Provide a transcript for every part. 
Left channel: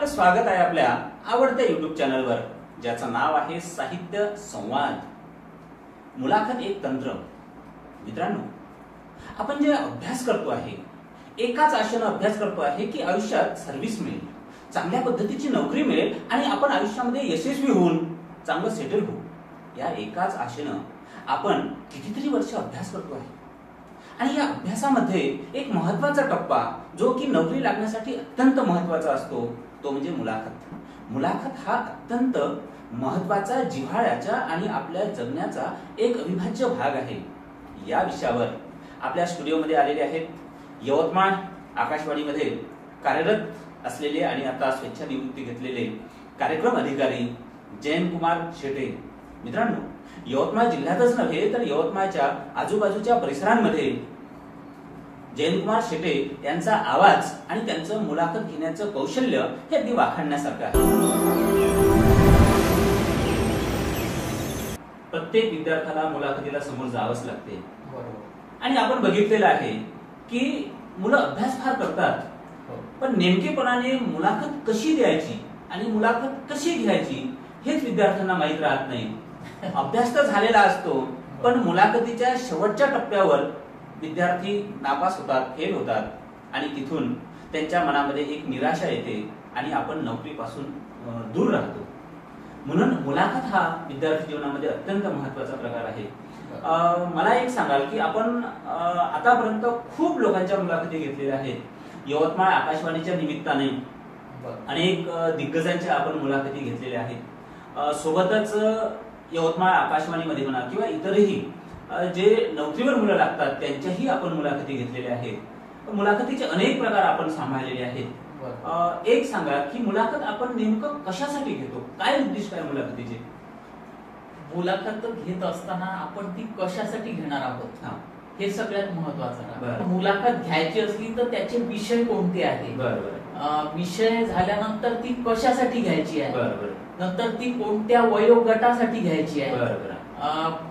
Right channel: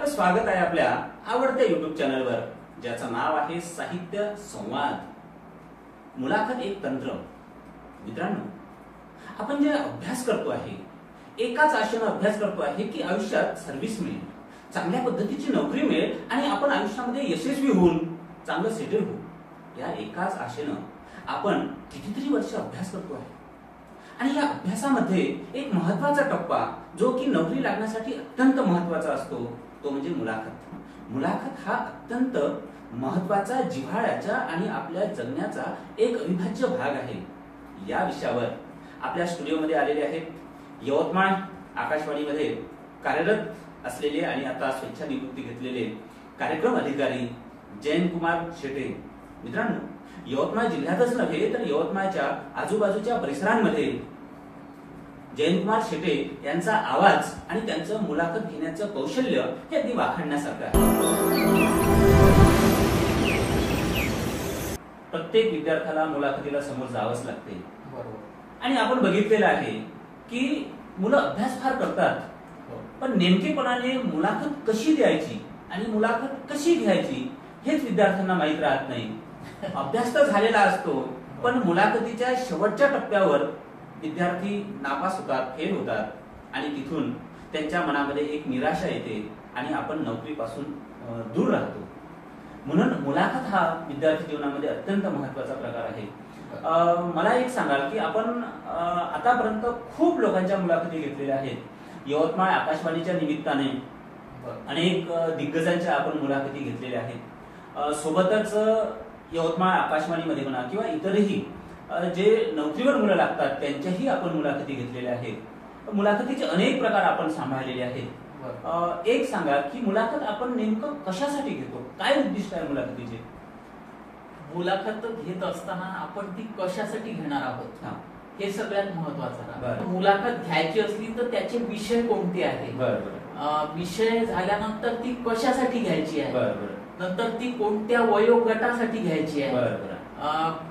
आपलं स्वागत आहे आपल्या आवडत्या YouTube चॅनलवर, ज्याचं नाव आहे साहित्य संवाद. मुलाखत एक तंत्र. मित्रांनो, आपण जे अभ्यास करतो आहे, एकाच आशेने अभ्यास करतो आहे की आयुष्यात सर्व्हिस मिळेल, चांगल्या पद्धतीची नोकरी मिळेल आणि आपण आयुष्यामध्ये यशस्वी होऊन चांगलं सेटल होऊ. या एकाच आशेने आपण कितीतरी वर्ष अभ्यास करतो आहे. आणि या अभ्यासामध्ये एक महत्वाचा टप्पा जो की नोकरी लागण्यासाठी अत्यंत महत्वाचा असतो, तो म्हणजे मुलाखत. मुलाखत हा अत्यंत महत्वाचा, जिव्हाळ्याचा आणि आपल्या जगण्याचा एक अविभाज्य भाग आहे. या विषयावर आपल्या स्टुडिओमध्ये आलेले आहेत यवतमाळ आकाशवाणीमध्ये कार्यरत असलेले आणि आता स्वेच्छानिवृत्ती घेतलेले कार्यक्रम अधिकारी जयंतकुमार शेटे. मित्रांनो, यवतमाळ जिल्ह्यातच नव्हे तर यवतमाळच्या आजूबाजूच्या परिसरांमध्ये जयंतकुमार शेटे यांचा आवाज आणि त्यांचं मुलाखत घेण्याचं कौशल्य हे अगदी वाखाणण्यासारखं आहे. प्रत्येक विद्यार्थ्याला मुलाखतीला समोर जावंच लागते, बरोबर. आणि आपण बघितलेलं आहे की मुलं अभ्यास फार करतात, पण नेमकेपणाने मुलाखत कशी द्यायची आणि मुलाखत कशी घ्यायची हेच विद्यार्थ्यांना माहीत राहत नाही. अभ्यास तर झालेला असतो, पण मुलाखतीच्या शेवटच्या टप्प्यावर विद्यार्थी नापास होतात, फेल होतात आणि तिथून त्यांच्या मनामध्ये एक निराशा येते आणि आपण नोकरीपासून दूर राहतो. म्हणून मुलाखत हा विद्यार्थी जीवनामध्ये अत्यंत महत्वाचा प्रकार आहे. मला एक सांगाल की आपण आतापर्यंत खूप लोकांच्या मुलाखती घेतलेल्या आहेत. यवतमाळ आकाशवाणीच्या निमित्ताने अनेक दिग्गजांच्या आपण मुलाखती घेतलेल्या आहेत. सोबतच यवतमाळ आकाशवाणीमध्ये म्हणा किंवा इतरही जे नोकरीवर मुलं लागतात त्यांच्याही आपण मुलाखती घेतलेल्या आहेत. मुलाखतीचे अनेक प्रकार आपण सांभाळलेले आहेत. एक सांगा की मुलाखत आपण नेमकं कशासाठी घेतो, काय उद्दिष्ट आहे मुलाखतीचे? मुलाखत घेत असताना आपण ती कशासाठी घेणार आहोत हे सगळ्यात महत्वाचं आहे. मुलाखत घ्यायची असली तर त्याचे विषय कोणते आहेत, विषय झाल्यानंतर ती कशासाठी घ्यायची आहे, नंतर ती कोणत्या वयोगटासाठी घ्यायची आहे,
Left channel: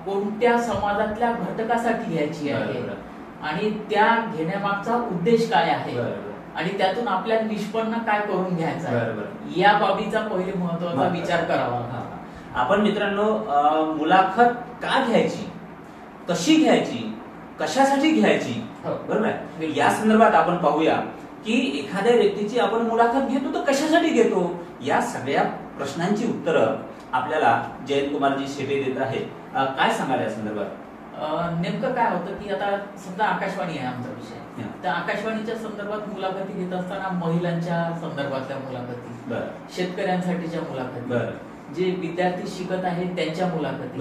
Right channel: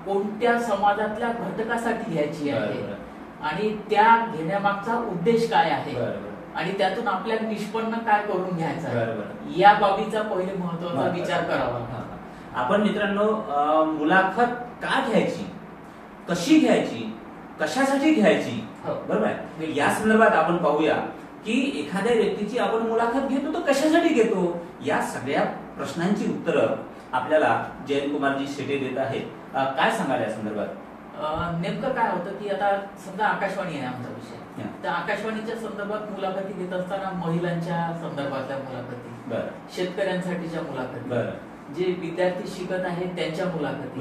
कोणत्या समाजातल्या घटकासाठी घ्यायची आहे आणि त्या घेण्यामागचा उद्देश काय आहे आणि त्यातून आपल्याला निष्पन्न काय करून घ्यायचं आहे, या बाबीचा पहिले महत्वाचा विचार करावा. आपण मित्रांनो, मुलाखत का घ्यायची, कशी घ्यायची, कशासाठी घ्यायची, बरोबर आहे, या संदर्भात आपण पाहूया की एखाद्या व्यक्तीची आपण मुलाखत घेतो तर कशासाठी घेतो. या सगळ्या प्रश्नांची उत्तरं आपल्याला जयंतकुमारजी शेटे देत आहेत. काय सांगाल या संदर्भात? नेमकं काय होतं की आता समजा आकाशवाणी आहे आमचा विषय, तर आकाशवाणीच्या संदर्भात मुलाखती घेत असताना महिलांच्या संदर्भातल्या मुलाखती, शेतकऱ्यांसाठीच्या मुलाखती, जे विद्यार्थी शिकत आहेत त्यांच्या मुलाखती.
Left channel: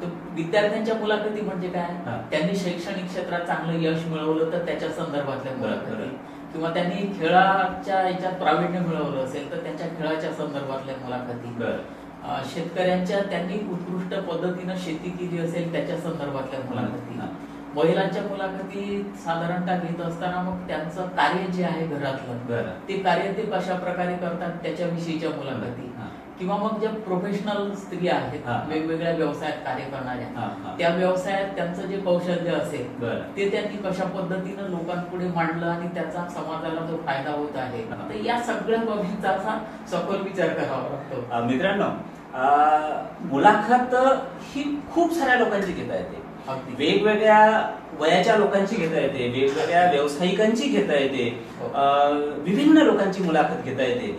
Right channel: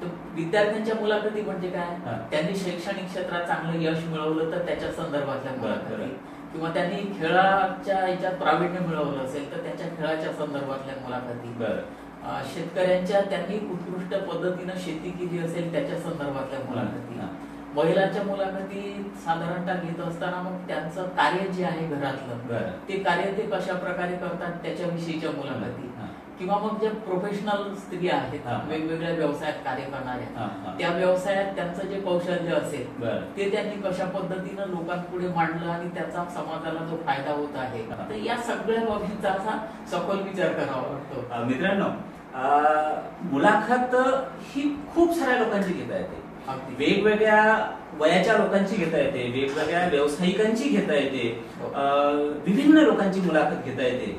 तर विद्यार्थ्यांच्या मुलाखती म्हणजे काय, त्यांनी शैक्षणिक क्षेत्रात चांगलं यश मिळवलं तर त्याच्या संदर्भातल्या मुलाखती, किंवा त्यांनी खेळाच्या याच्यात प्रावीण्य मिळवलं असेल तर त्यांच्या खेळाच्या संदर्भातल्या मुलाखती, शेतकऱ्यांच्या त्यांनी उत्कृष्ट पद्धतीनं शेती केली असेल त्याच्या संदर्भातल्या मुलाखती, महिलांच्या मुलाखती साधारणतः घेत असताना मग त्यांचं कार्य जे आहे घरातलं ते कार्य ते कशा प्रकारे करतात त्याच्याविषयीच्या मुलाखती, किंवा मग ज्या प्रोफेशनल स्त्रिया आहेत वेगवेगळ्या व्यवसायात कार्य करणाऱ्या, त्या व्यवसायात त्यांचं जे कौशल्य असेल ते त्यांनी कशा पद्धतीनं लोकांपुढे मांडलं आणि त्याचा समाजाला जो फायदा होत आहे, तर या सगळ्या बाबींचा असा सखोल विचार करावा लागतो. मित्रांनो, मुलाखत ही खूप साऱ्या लोकांची घेता येते, वेगवेगळ्या वयाच्या लोकांची घेता येते, वेगवेगळ्या व्यावसायिकांची घेता येते, विभिन्न लोकांची मुलाखत घेता येते.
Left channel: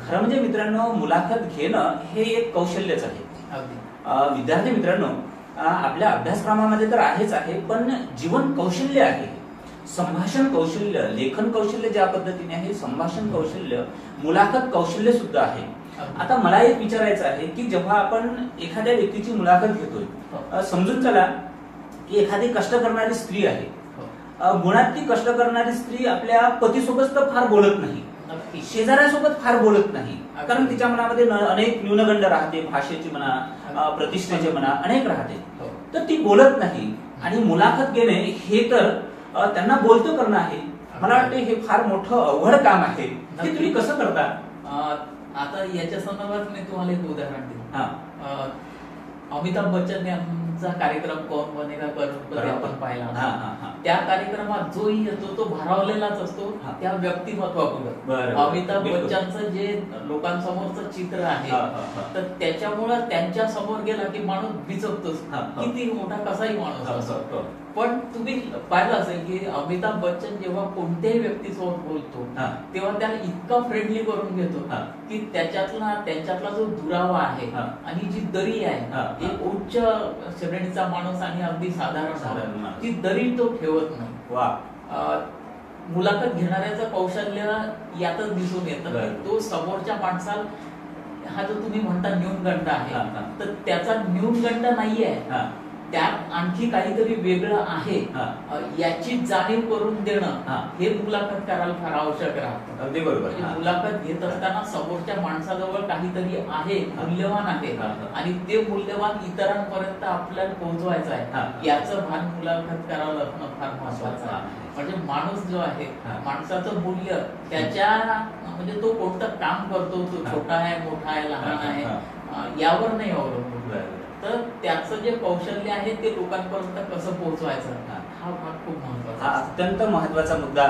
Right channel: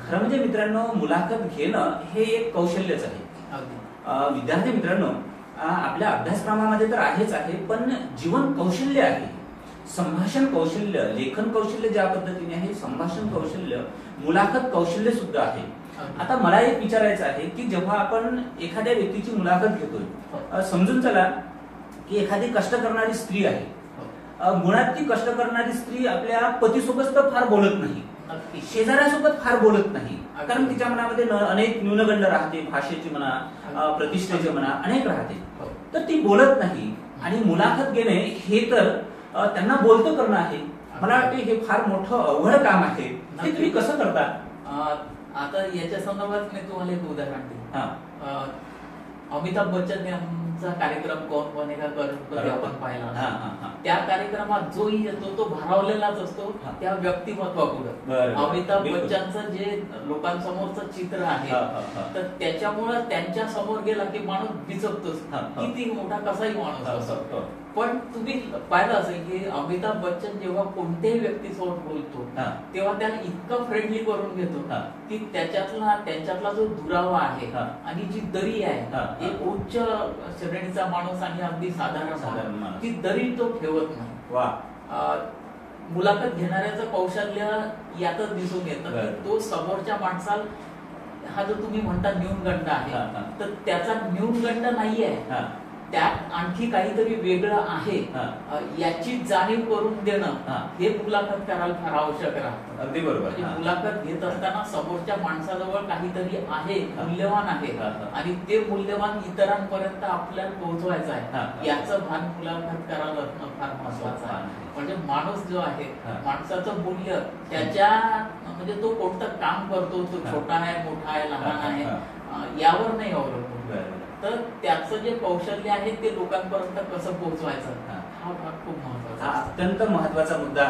खरं म्हणजे मित्रांनो, मुलाखत घेणं हे एक कौशल्यच आहे. विद्यार्थी मित्रांनो, आपल्या अभ्यासक्रमामध्ये तर आहेच आहे, पण जीवन कौशल्य आहे, संभाषण कौशल्य, लेखन कौशल्य ज्या पद्धतीने आहे, संभाषण कौशल्य, मुलाखत कौशल्य सुद्धा आहे. आता मला एक विचारायचं आहे की जेव्हा आपण एखाद्या व्यक्तीची मुलाखत घेतोय, समजून चला की एखादी कष्ट करणारी स्त्री आहे, मुळात ती कष्ट करणारी स्त्री आपल्या पतीसोबत तर फार बोलत नाही, शेजाऱ्यासोबत फार बोलत नाही, कारण तिच्या मनामध्ये अनेक न्यूनगंड राहते, भाषेची म्हणा, प्रतिष्ठेचे म्हणा, अनेक राहते, तर ती बोलत नाही. आणि मुलाखत घेणे हे तर त्यांना बोलतं करणं आहे. मला वाटतं हे फार मोठं अवघड काम आहे. ते तुम्ही कसं करता? आता याच्या संदर्भात मी तुम्हाला एक उदाहरण देईन. अमिताभ बच्चन यांचा कार्यक्रम कौन बनेगा करोडपती आपण पाहिला. त्या कार्यक्रमात जोही येतो तो भारावलेलाच असतो त्या व्यक्तिमत्वापुढे. अमिताभ बच्चनचं जे लोकांसमोरचं चित्र आहे तर त्याच्यामुळं त्यांच्या समोर गेला की माणूस बिचकतोच, किती मोठा कसाही माणूस असतो. पण तुम्ही पाहिलं असेल की अमिताभ बच्चन जेव्हा कोणत्याही व्यक्तीसोबत बोलतो तेव्हा त्याला इतकं फ्रेंडली करून घेतो की त्यांच्यातला जो दुरावा आहे आणि जी दरी आहे, एक उच्च श्रेणीचा माणूस आणि अगदी साधारण ती दरी तो ठेवत नाही. मुलाखत घेणाऱ्याचं कौशल्य यातच दिसून येतं. तो समोरच्या माणसाला, हा जो तुम्ही म्हणता न्यूनगंड आहे, तर त्याचा न्यूनगंड नाहीये, त्यात आणखी काहीतरी वेगळं आहे याची जाणीव करून देणं हे मुलाखत करायला फार आवश्यक राहतं. अगदी बरोबर. मुलाखत घेत असताना समोरच्या माणसाजवळ काहीतरी आहे, मूल्यवान आहे आणि ते मूल्यवान इतरांपर्यंत आपल्याला पोहोचवायचं आहे याचं भान मुलाखत करायला असणं फार महत्वाचं आहे. म्हणजे माणूस जो आहे, माणसाचं मूल्य त्याच्या म्हणजे तो कोणतं काम करतो, तो छोटा आहे, मोठा आहे, लहान आहे यावर नाही अवलंबून. तर त्याचं जे कौशल्य आहे ते लोकांपर्यंत कसं पोहोचवायचं हा भाग खूप महत्वाचा. हा अत्यंत महत्वाचा मुद्दा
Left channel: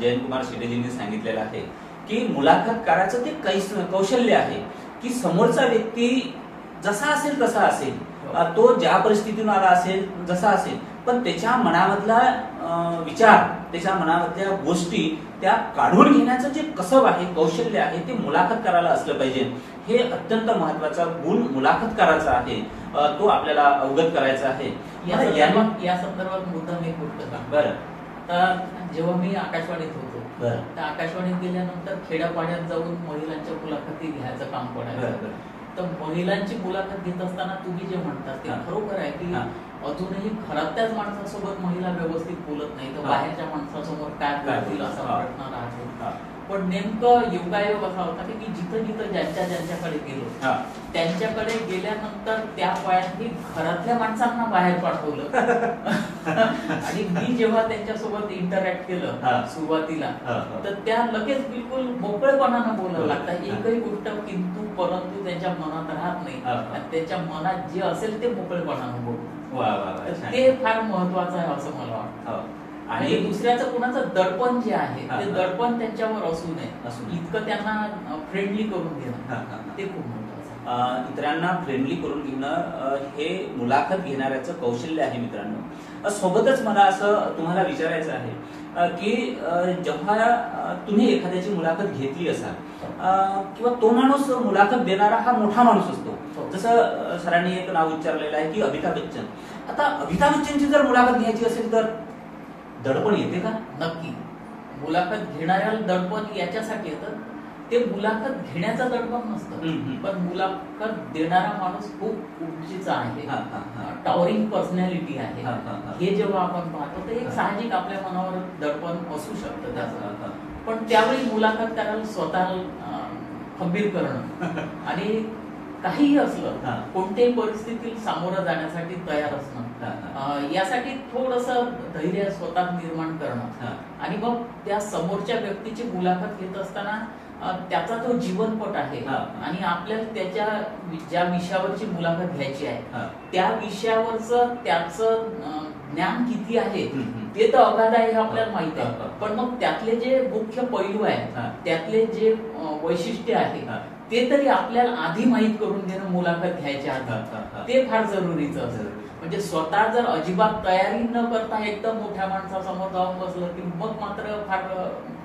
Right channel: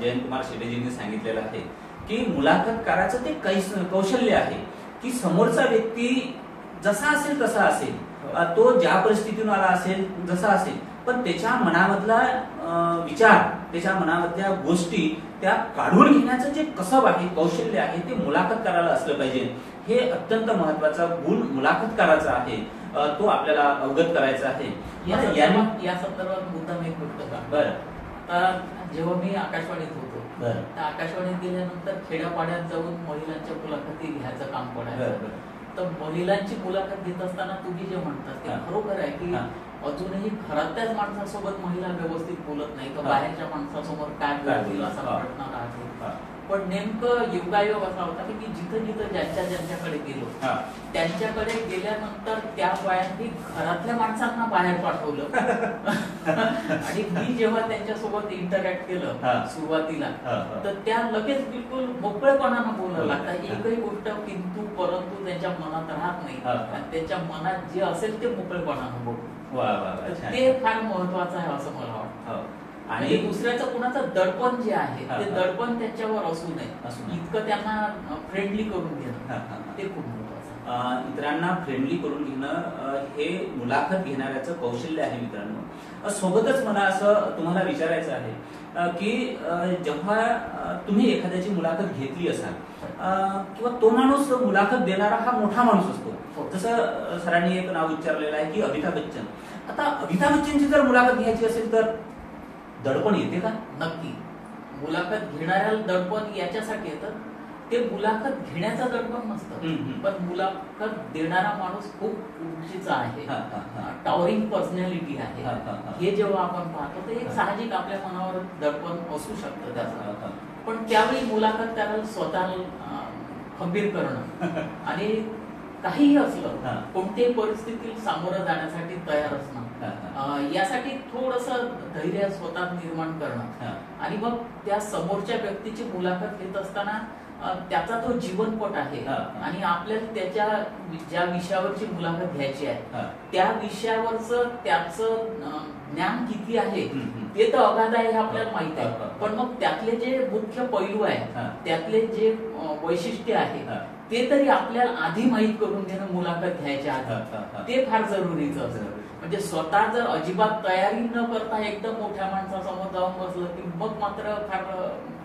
जयंतकुमार शेडेजींनी सांगितलेला आहे की मुलाखतकाराचं ते कौशल्य आहे की समोरचा व्यक्ती जसा असेल तसा असेल, तो ज्या परिस्थितीतून आला असेल जसा असेल, पण त्याच्या मनामधला विचार, त्याच्या मनामधल्या गोष्टी त्या काढून घेण्याचं जे कसब आहे, कौशल्य आहे, ते मुलाखतकाराला असलं पाहिजे. हे अत्यंत महत्वाचा गुण मुलाखतकाराचा आहे, तो आपल्याला अवगत करायचा आहे. या संदर्भात मुद्दा मी बोलतो का? बरं. तर जेव्हा मी आकाशवाणीत होतो तर आकाशवाणीत गेल्यानंतर खेड्यापाड्यात जाऊन महिलांच्या मुलाखती घ्यायचं काम पडायचं. तर महिलांची मुलाखत घेत असताना तुम्ही जे म्हणतात ते खरोखर आहे की अजूनही घरातल्याच माणसासोबत महिला व्यवस्थित बोलत नाही, तर बाहेरच्या माणसासमोर काय बोलतील असा प्रश्न राहतो. पण नेमकं योगायोग असा होता की जिथं जिथं ज्यांच्याकडे गेलो त्यांच्याकडे गेल्यानंतर त्या बायांनी घरातल्या माणसांना बाहेर पाठवलं आणि मी जेव्हा त्यांच्यासोबत इंटरॅक्ट केलं सुरुवातीला तर त्या लगेच बिलकुल मोकळेपणानं बोलायला लागतात. एकही गोष्ट किंतु परंतु त्यांच्या मनात राहत नाही आणि त्यांच्या मनात जे असेल ते मोकळेपणानं बोलतो. ते फार महत्वाचं आहे असं मला वाटतं. आणि दुसऱ्याचं कुणाचं दडपण जे आहे ते दडपण त्यांच्यावर असू नये, इतकं त्यांना फ्रेंडली करून घेणं ते खूप महत्वाचं. इतरांना फ्रेंडली करून घेणं हे मुलाखत घेणाऱ्याचं कौशल्य आहे. मित्रांनो, सोबतच मला असं तुम्हाला विचारायचं आहे की जेव्हा तुम्ही एखाद्याची मुलाखत घेतली असाल किंवा तो माणूस मुलाखत देणारा हा मोठा माणूस असतो, जसं सरांनी एक नाव विचारलेलं आहे की अमिताभ बच्चन. आता अमिताभ बच्चनची जर मुलाखत घ्यायची असेल तर दडपण येते का? नक्की. मुलाखत घेणाऱ्याला दडपण याच्यासाठी येतं, ते मुलाखत घेण्याचं दडपण नसतं, पण मुलाखत देणारा माणूस खूप उंचीचा आहे, टॉवरिंग पर्सनॅलिटी आहे, हे जेव्हा आपण पाहतो तर एक साहजिक आपल्या मनावर दडपण असू शकतं त्याचं. पण त्यावेळी मुलाखत करायला स्वतःला खंबीर करणं आणि काहीही असलं कोणत्याही परिस्थितीत सामोरं जाण्यासाठी तयार असणं, यासाठी थोडंसं धैर्य स्वतः निर्माण करणं आणि मग त्या समोरच्या व्यक्तीची मुलाखत घेत असताना त्याचा तो जीवनपट आहे आणि आपल्याला त्याच्या ज्या विषयावरची मुलाखत घ्यायची आहे त्या विषयावरचं त्याचं ज्ञान किती आहे ते तर अगाध आहे हे आपल्याला माहित आहे. पण मग त्यातले जे मुख्य पैलू आहेत, त्यातले जे वैशिष्ट्य आहे ते तरी आपल्याला आधी माहीत करून घेणं मुलाखत घ्यायच्या आधी ते फार जरुरीचं असतं. म्हणजे स्वतः जर अजिबात तयारी न करता एकदम मोठ्या माणसासमोर जाऊन बसलं की मग मात्र फार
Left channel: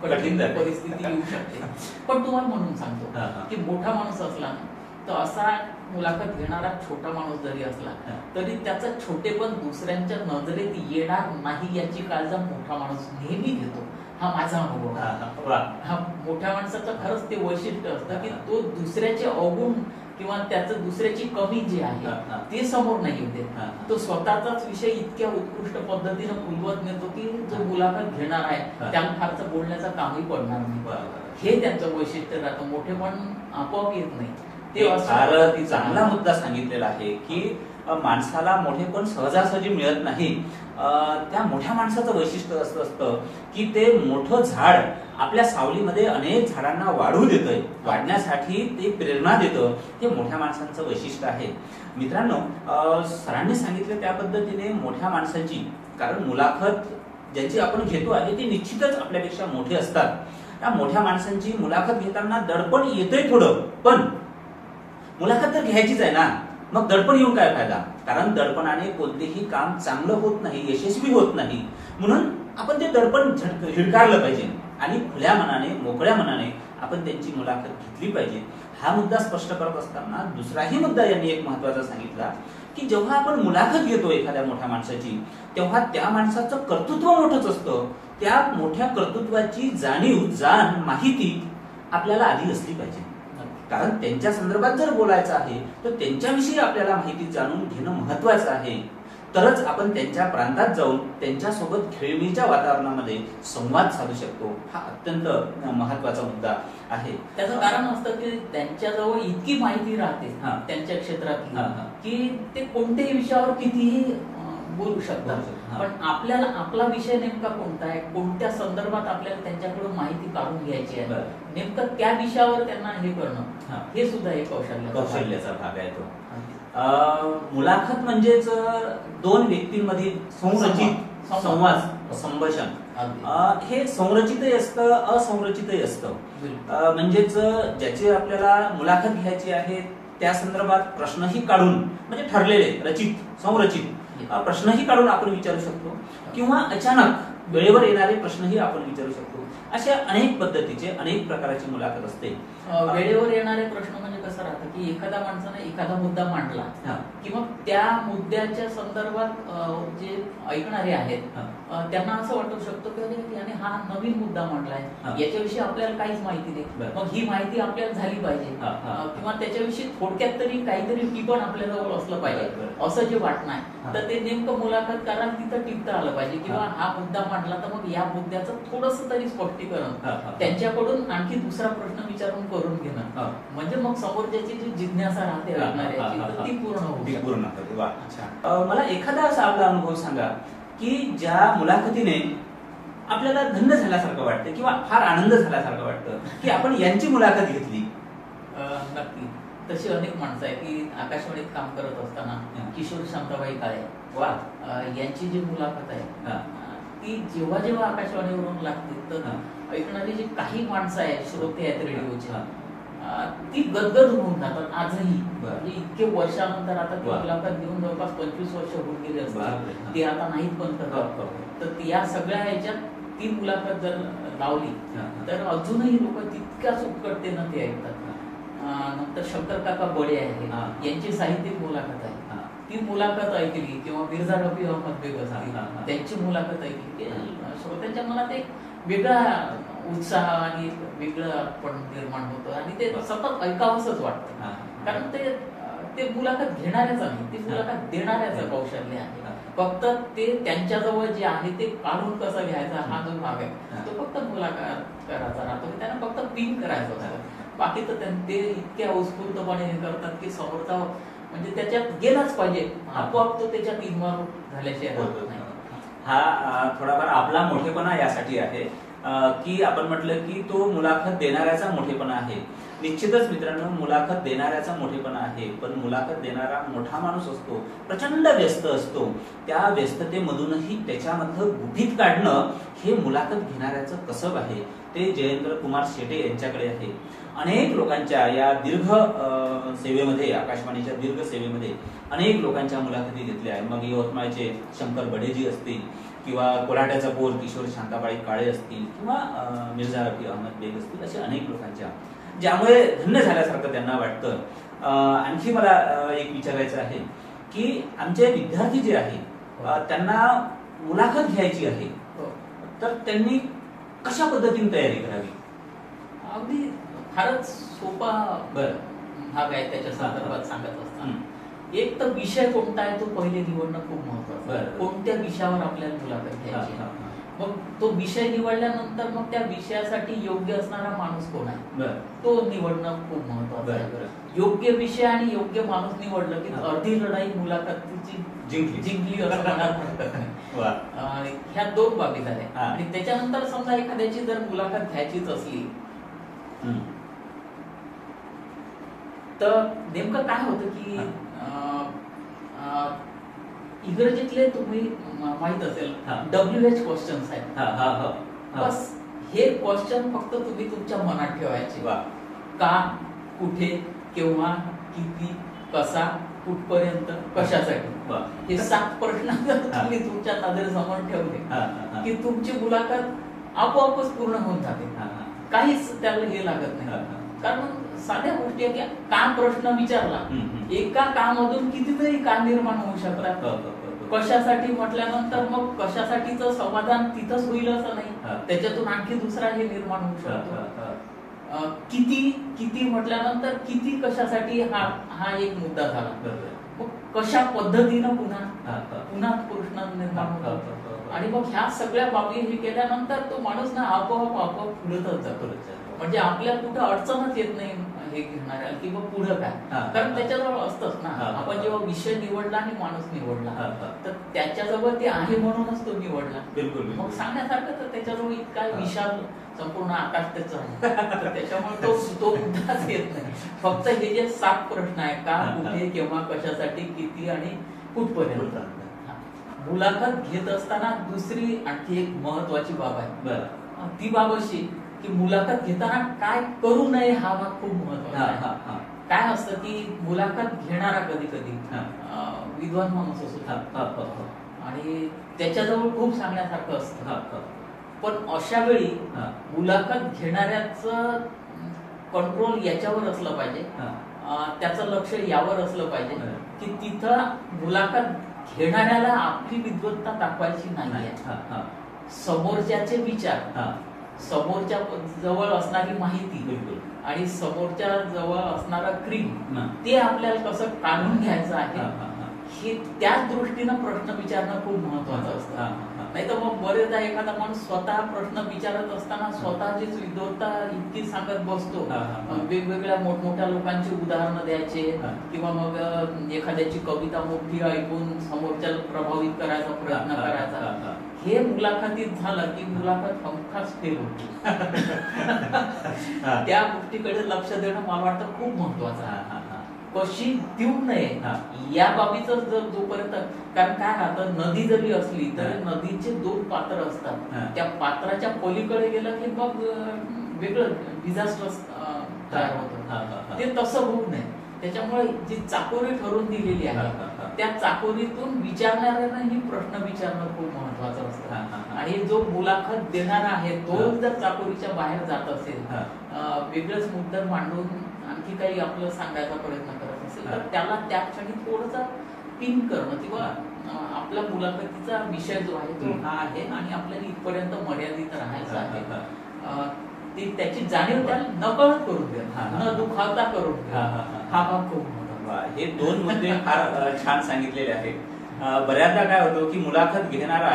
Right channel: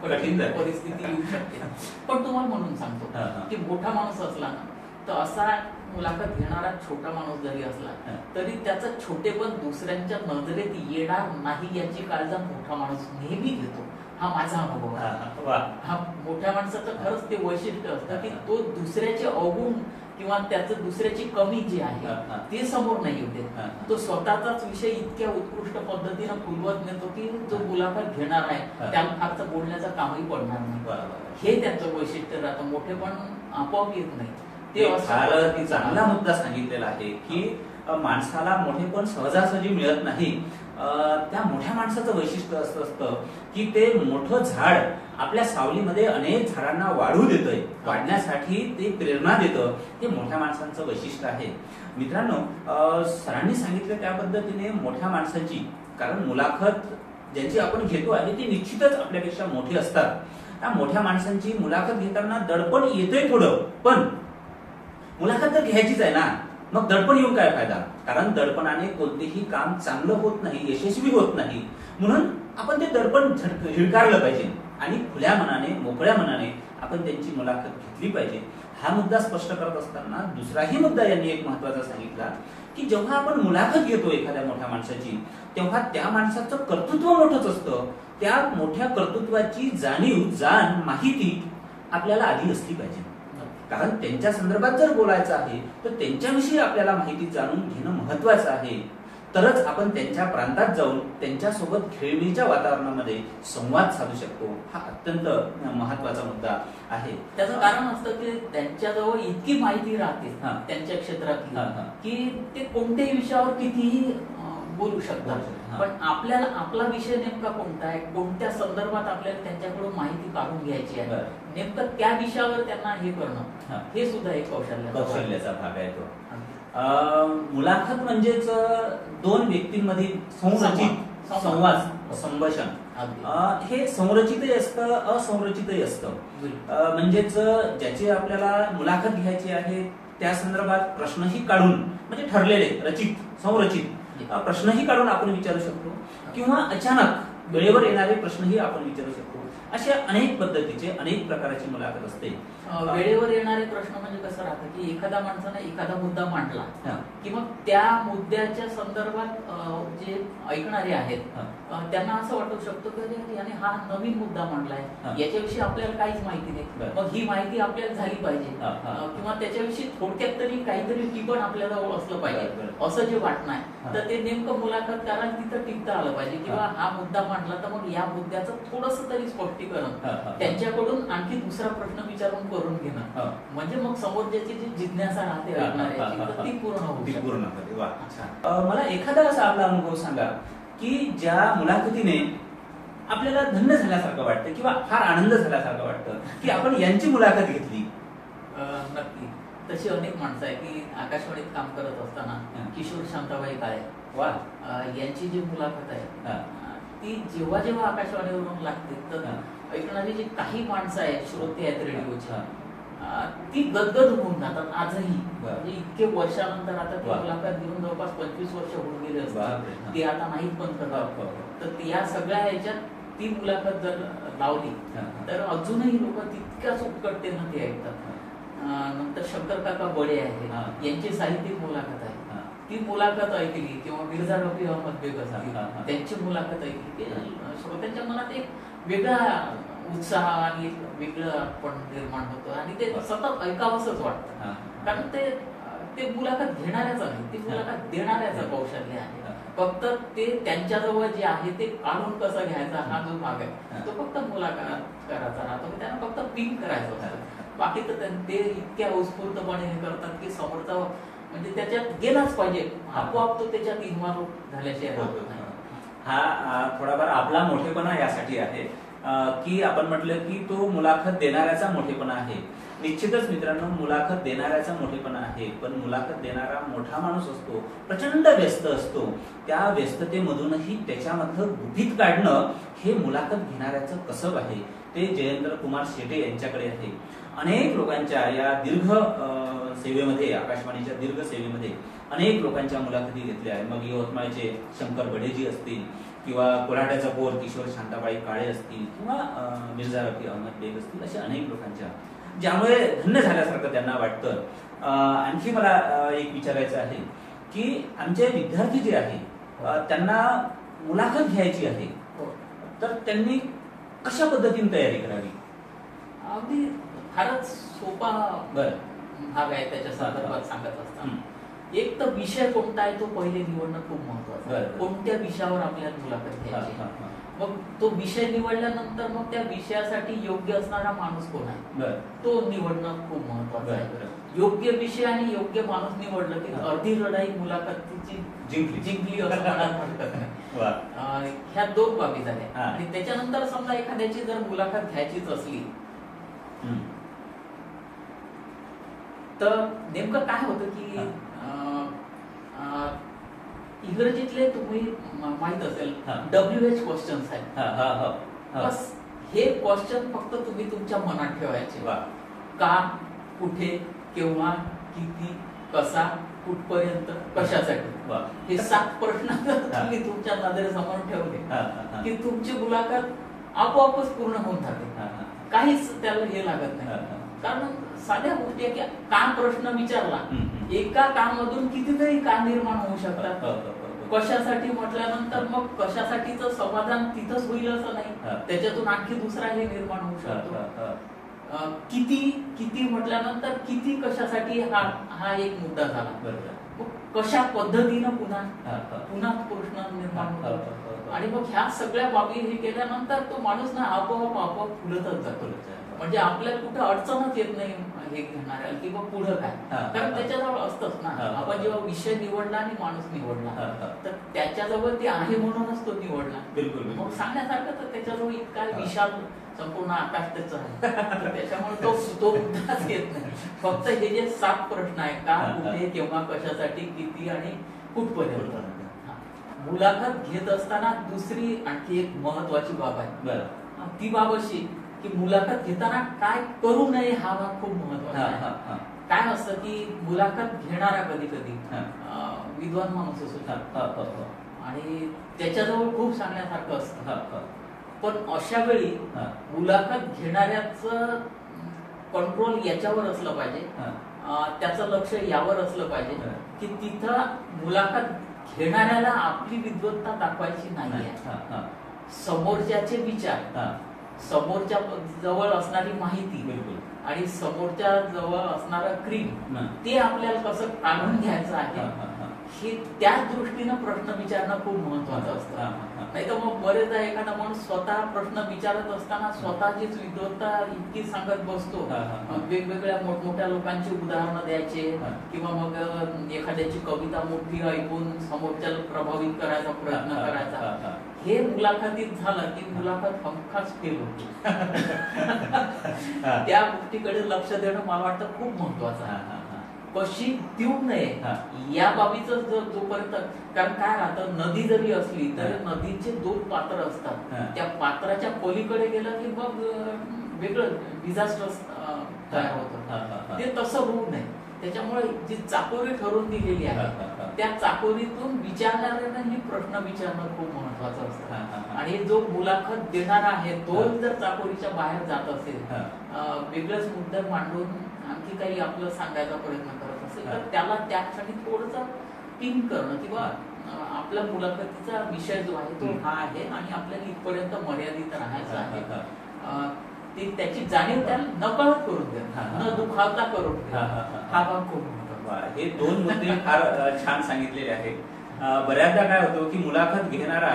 कठीण परिस्थिती येऊ शकते. पण तुम्हाला म्हणून सांगतो की मोठा माणूस असला ना तर असा मुलाखत घेणारा छोटा माणूस जरी असला तरी त्याचं छोटेपण दुसऱ्यांच्या नजरेत येणार नाही याची काळजी मोठा माणूस नेहमी घेतो. हा माझा अनुभव. हा मोठ्या माणसाचं खरंच ते वैशिष्ट्य असतं की तो दुसऱ्याचे अवगुण किंवा त्याचं दुसऱ्याची कमी जी आहे ते समोर नाही येते. तो स्वतःचाच विषय इतक्या उत्कृष्ट पद्धतीनं फुलवत नेतो की जो मुलाखत घेणार आहे त्याला फारचं बोलण्याचं कामही पडणार नाही. हे त्यांचं वैशिष्ट्य राहतं. मोठेपण आपोआप येत नाही. ते फार चांगला मुद्दा सांगितलेला आहे की माणसाला मोठेपण सहजासहजी मिळत नाही. त्या मोठ्या माणसाचं वैशिष्ट्य असं असतं की ते मोठं झाड आपल्या सावलीमध्ये अनेक झाडांना वाढू देतंय, वाढण्यासाठी ते प्रेरणा देतं. हे मोठ्या माणसांचं वैशिष्ट्य आहे. मित्रांनो, सरांनी सांगितलं त्या पद्धतीने मोठ्या माणसाची, कारण मुलाखत ज्यांची आपण घेतो आहे ती निश्चितच आपल्यापेक्षा मोठे असतात. त्या मोठ्या माणसांची मुलाखत घेताना दडपण येतंय थोडं, पण मुलाखत तर घ्यायचीच आहे ना, मग दडपण येऊन काय फायदा? कारण दडपणाने कोणतेही काम चांगलं होत नाही, यशस्वी होत नाही. म्हणून आपण ते दडपण झिडकारलं पाहिजे आणि खुल्या मनाने, मोकळ्या मनाने आपण त्यांची मुलाखत घेतली पाहिजे. हा मुद्दा स्पष्ट करत असताना दुसराही मुद्दा यांनी एक महत्वाचा सांगितला की जेव्हा आपण मुलाखत घेतो एखाद्या मोठ्या माणसाची, तेव्हा त्या माणसाचं कर्तृत्व मोठंच असतं. त्या मोठ्या कर्तृत्वाची जाणीव, जाण, माहिती आपल्याला आधी असली पाहिजे. कारण त्यांच्या संदर्भात जर बोलायचं आहे तर त्यांच्याविषयी आपल्याला माहिती जाणून घेणं महत्वाचं आहे. तरच आपण त्यांच्या प्रांतात जाऊन त्यांच्यासोबत खेळीमेळीच्या वातावरणामध्ये संवाद साधू शकतो. हा अत्यंत महत्वाचा मुद्दा आहे. त्याचं कारण असतं की त्यांच्याजवळ इतकी माहिती राहते त्यांच्या क्षेत्रातली की ते कोणत्याही विषयावर कितीही बोलू शकतात. पण आपल्याला आपला विषय नेमका कोणता आहे, कोणत्या संदर्भात आपल्याला त्यांच्याकडून माहिती काढून घ्यायची आहे, नेमकं त्या विषयावर त्यांना हे करणं, हे सुद्धा एक कौशल्याचा भाग आहे तो. मुलाखत म्हणजेच दोन व्यक्तींमधील संरचित संवाद, संभाषण. हे संरचितही असतं, असंरचितही असतं. म्हणजेच ज्याची आपल्याला मुलाखत घ्यायची आहे त्या संदर्भात प्रश्नही काढून, म्हणजे ठरलेले, रचित, संरचित प्रश्नही काढून आपण विचारू शकतो, किंवा अचानक वेळेवर येणारे प्रश्नही आपण विचारू शकतो. अशा अनेक पद्धतीचे, अनेक प्रकारची मुलाखत असते. वेळेवर येणारे प्रश्न म्हणजे कसं राहतं की एखाद्या माणसाने एखादा मुद्दा मांडला की मग त्या मुद्द्याच्या संदर्भात जे ऐकणारे आहेत त्यांना असं वाटू शकतं की याने हा नवीन मुद्दा मांडलाय, याच्याविषयी आपल्याला काहीच माहिती नाही, मग ही माहिती आपल्याला झाली पाहिजे, किंवा त्याच्याविषयी थोडक्यात तरी काहीतरी टिपण आपल्या जवळ असलं पाहिजे, असं जे वाटणं आहे. तर ते नेमकं मुलाखतकारांना तिथं टिकता आलं पाहिजे, किंवा हा मुद्दा मांडला तर मग या मुद्द्याचं थोडंसं तरी स्पष्टीकरण त्यांच्याकडून आणखी दुसरा प्रश्न विचारून करून घेणं, म्हणजे मग समोरच्याची जी जिज्ञासा राहते ऐकणाऱ्याची तर ती पूर्ण होते. मला एखादा असा आपला अनुभव सांगा की ज्या मुलाखतीने आपल्याला धन्य झाल्यासारखं वाटतं किंवा फार आनंद झाल्यासारखं वाटतं की आपण यांची मुलाखत घेतली. नक्की तशी अनेक माणसं आहे की आकाशवाणीत काम करत असताना किशोर शांताबाई काळे यांची जी मुलाखत आहे ती जेव्हा जेव्हा आकाशवाणीवरून लागते तर ऐकणारी जी काही माणसं आहेत, श्रोते आहेत रेडिओची, ती गदगद होऊन जातात आजही. म्हणजे इतके वर्षानंतर आता ती मुलाखत घेऊन जवळपास 25 वर्ष होऊन गेले असतात, ते आता नाहीत पण करतात. तर या सगळ्या ह्याच्यात ती मुलाखत जर लावली तर अजूनही लोक तितक्याच उत्कटतेनं ते ऐकतात. नंतर शंकर काका बडे आहे, यांची साहित्यिक मुलाखत आहे, ती मुलाखत ऐकली, किंवा मिर्झा रफी अहमद बेग असतील त्यांची मुलाखत ऐकली, श्रोत्यांच्या मनात एक वेगळा उत्साह आणि वेगळं पण निर्माण होतं आणि ते सतत ऐकावंसच वाटतं. कारण ते मुलाखत घेणाऱ्याचं नाही, ती मुलाखत देणाऱ्याचं कौशल्य आहे. फक्त ते त्यांच्याजवळ जे आहे ते काढून कसं घ्यायचा हा जो भाग आहे तो फक्त मुलाखत करायचा राहतो, त्यांना फक्त पिंक करायचं होतं. बाकी तर ते इतक्या उत्स्फूर्तपणे हे करतात की समोरचा म्हणजे त्याच्यात गेलाच पाहिजे, आपोआप तो त्याच्यात इन्व्हॉल्व झाल्याशिवाय राहत नाही. हा थोडाफार आपला मोठेपणा यासाठी आहे की आपण म्हटलं की तो मुलाखत देणाऱ्याचा मोठेपणा आहे. निश्चितच मित्रांनो, मुलाखत देणाऱ्याचा मोठेपणा आहे, पण मुलाखत देणारा मोठा माणूस असतो, प्रचंड व्यस्त असतो. त्या व्यस्ततेमधूनही त्याच्यामधलं गुपित काढणं हे मुलाखत घेणाऱ्याचं कसब आहे. ते जयेंद्र कुमार शेटे यांच्याकडे आहे. अनेक लोकांच्या या दीर्घ सेवेमध्ये, आकाशवाणीच्या दीर्घ सेवेमध्ये अनेक लोकांच्या मुलाखती घेतल्या आहे. मग यवतमाळचे शंकर बडेजी असतील, किंवा कोल्हाट्याचा पोर किशोर शांताबाई काळे असतील, किंवा मिर्झा रफी अहमद बेग असतील, अशा अनेक लोकांच्या, ज्यामुळे धन्य झाल्यासारखं त्यांना वाटतं. आणखी मला एक विचारायचं आहे की आमचे विद्यार्थी जे आहे त्यांना मुलाखत घ्यायची आहे, तर त्यांनी कशा पद्धतीने तयारी करावी? अगदी फारच सोपा भाग आहे त्याच्या संदर्भात सांगत असताना. एक तर विषय कोणता आहे तो पहिले निवडणं खूप महत्वाचं आहे. कोणत्या विषयावर आपल्याला मुलाखत घ्यायची, मग तो विषय निवडल्यानंतर मग त्या विषयासाठी योग्य असणारा माणूस कोण आहे तो निवडणं खूप महत्वाचं आहे. योग्य विषय आणि योग्य माणूस निवडलं की अर्धी लढाई मुलाखतीची जिंकली असं म्हणायला हरकत नाही. ह्या दोन बाबी झाल्या. आणि त्याच्यानंतर समजा एखाद्याची जर मुलाखत घ्यायचीच असली तर नेमकं काय होतं की इंग्रजीतले तुम्ही माहित असेल WH क्वेश्चन्स आहेत. बस हे क्वेश्चन फक्त तुम्ही तुमच्या मनात ठेवायचे. का, कुठे, केव्हा, किती, कसा, कुठपर्यंत, कशासाठी, हे 7 प्रश्न तुम्ही तुमच्या नजरेसमोर ठेवले की तुमची मुलाखत आपोआपच पूर्ण होऊन जाते. काहीच त्याला हे लागत नाही. कारण साध्या गोष्टी आहे की का प्रश्न विचारला, एका कामामधून कितीतरी का निर्माण होऊ शकतात. कशासाठी म्हटल्यानंतर मग कशासाठीचं समाधान तिथंच होईल असं नाही, त्याच्यातून आणखी दुसरा हे निर्माण होऊ शकतो. किती किती म्हटल्यानंतर किती कशासाठी हा एक मुद्दा झाला. कशा पद्धतीनं पुन्हा प्रश्न निर्माण होतो. आणि मग ह्या सगळ्या बाबी हे केल्यानंतर तो माणूस ना आपोआप फुलतच जातो. म्हणजे आपल्याला कुठं अडचणच येत नाही हे घेणार की मग पुढं काय. कारण त्याच्याजवळ असतंच ना. आपण जेव्हा विषय निवडला आणि माणूस निवडला तर त्याच्याजवळ ते आहे म्हणूनच तो निवडला. बिलकुल. मग सांगण्यासारखं तर त्याच्याजवळ इतका विशाल संपूर्ण आकाश त्याचं आहे. त्याच्यामुळे तो मुद्दाच येत नाही. फक्त हे जे 7 प्रश्न आहेत, का, कुठे, केव्हा, कशासाठी, किती आणि कुठपर्यंत. मुलाखत घेत असताना दुसरी आणखी एक महत्वाची बाब आहे. ती बाब अशी की मुलाखत घेताना काय करू नये हा भाग खूप महत्वाचा आहे. काय असतं की मुलाखत घेणारा कधी कधी विद्वान माणूस असतो आणि त्याच्याजवळ खूप सांगण्यासारखं असतं. पण अशा वेळी मुलाखत घेणाऱ्याचं कंट्रोल याच्यावर असलं पाहिजे, त्याचं लक्ष यावर असलं पाहिजे की तिथं मुलाखत घेणाऱ्याला आपली विद्वत्ता दाखवायची नाही. समोरच्याचे विचार, समोरच्या जवळ असणारी माहिती आणि समोरच्या जवळ असणारा क्रीम ते आपल्याला कसं काढून घ्यायचं आहे हे त्याच दृष्टीनं प्रश्न विचारणं खूप महत्वाचं असतं. नाही तर मग बरेचदा एखादा माणूस स्वतः प्रश्न विचारत असताना स्वतःचीच विद्वत्ता इतकी सांगत बसतो. वेगवेगळ्या मोठमोठ्या लोकांची उदाहरणं द्यायचे किंवा मग एखाद्याची कविता मोठी ऐकून समोरच्याला प्रभावित करायचा प्रयत्न करायचा. हे मुलाखतीत झालं की मुलाखत हमखास फेल होती. त्या गोष्टीकडे लक्ष देणं मला वाटतं खूप महत्वाचं आहे. कशी देऊ नये या बाबीचं जर जोपर्यंत, कारण काय राहतं, नदी जरी असली तरी नदीचे 2 पात्र असतात. त्या पात्राच्या पलीकडे गेलं की मग वेगळं डिझास्टर तयार होतं. ते तसं होऊ नये. त्याच्यामुळे जी चाकोरी ठरवून दिलेली आहे त्या चाकोरीतून विचारणाऱ्यानं ही प्रश्न विचारणं खूप महत्वाचं असतं. आणि जो मुलाखत देणारा आहे तो जर चाकोरीच्या बाहेर जात असेल, वेगळंच मुद्दा मांडून आणखी काही आपलं सांगायचा प्रयत्न करत असेल तर त्याला त्यासाठी थोडंसं पिन करणं किंवा आपल्या मुलाखतीचा विषय जो आहे तो हा आहे आणि आपल्याला इथपर्यंत मर्यादित राहायचं आहे ती त्याची जाणीव त्याला नकळत करून द्या, न दुखावता करून द्या. हा भाग खूप महत्त्वाचा. हे 2 मुद्दे फार छान सांगितलेले आहेत. बऱ्याचदा काय होतं की मुलाखत घेणारा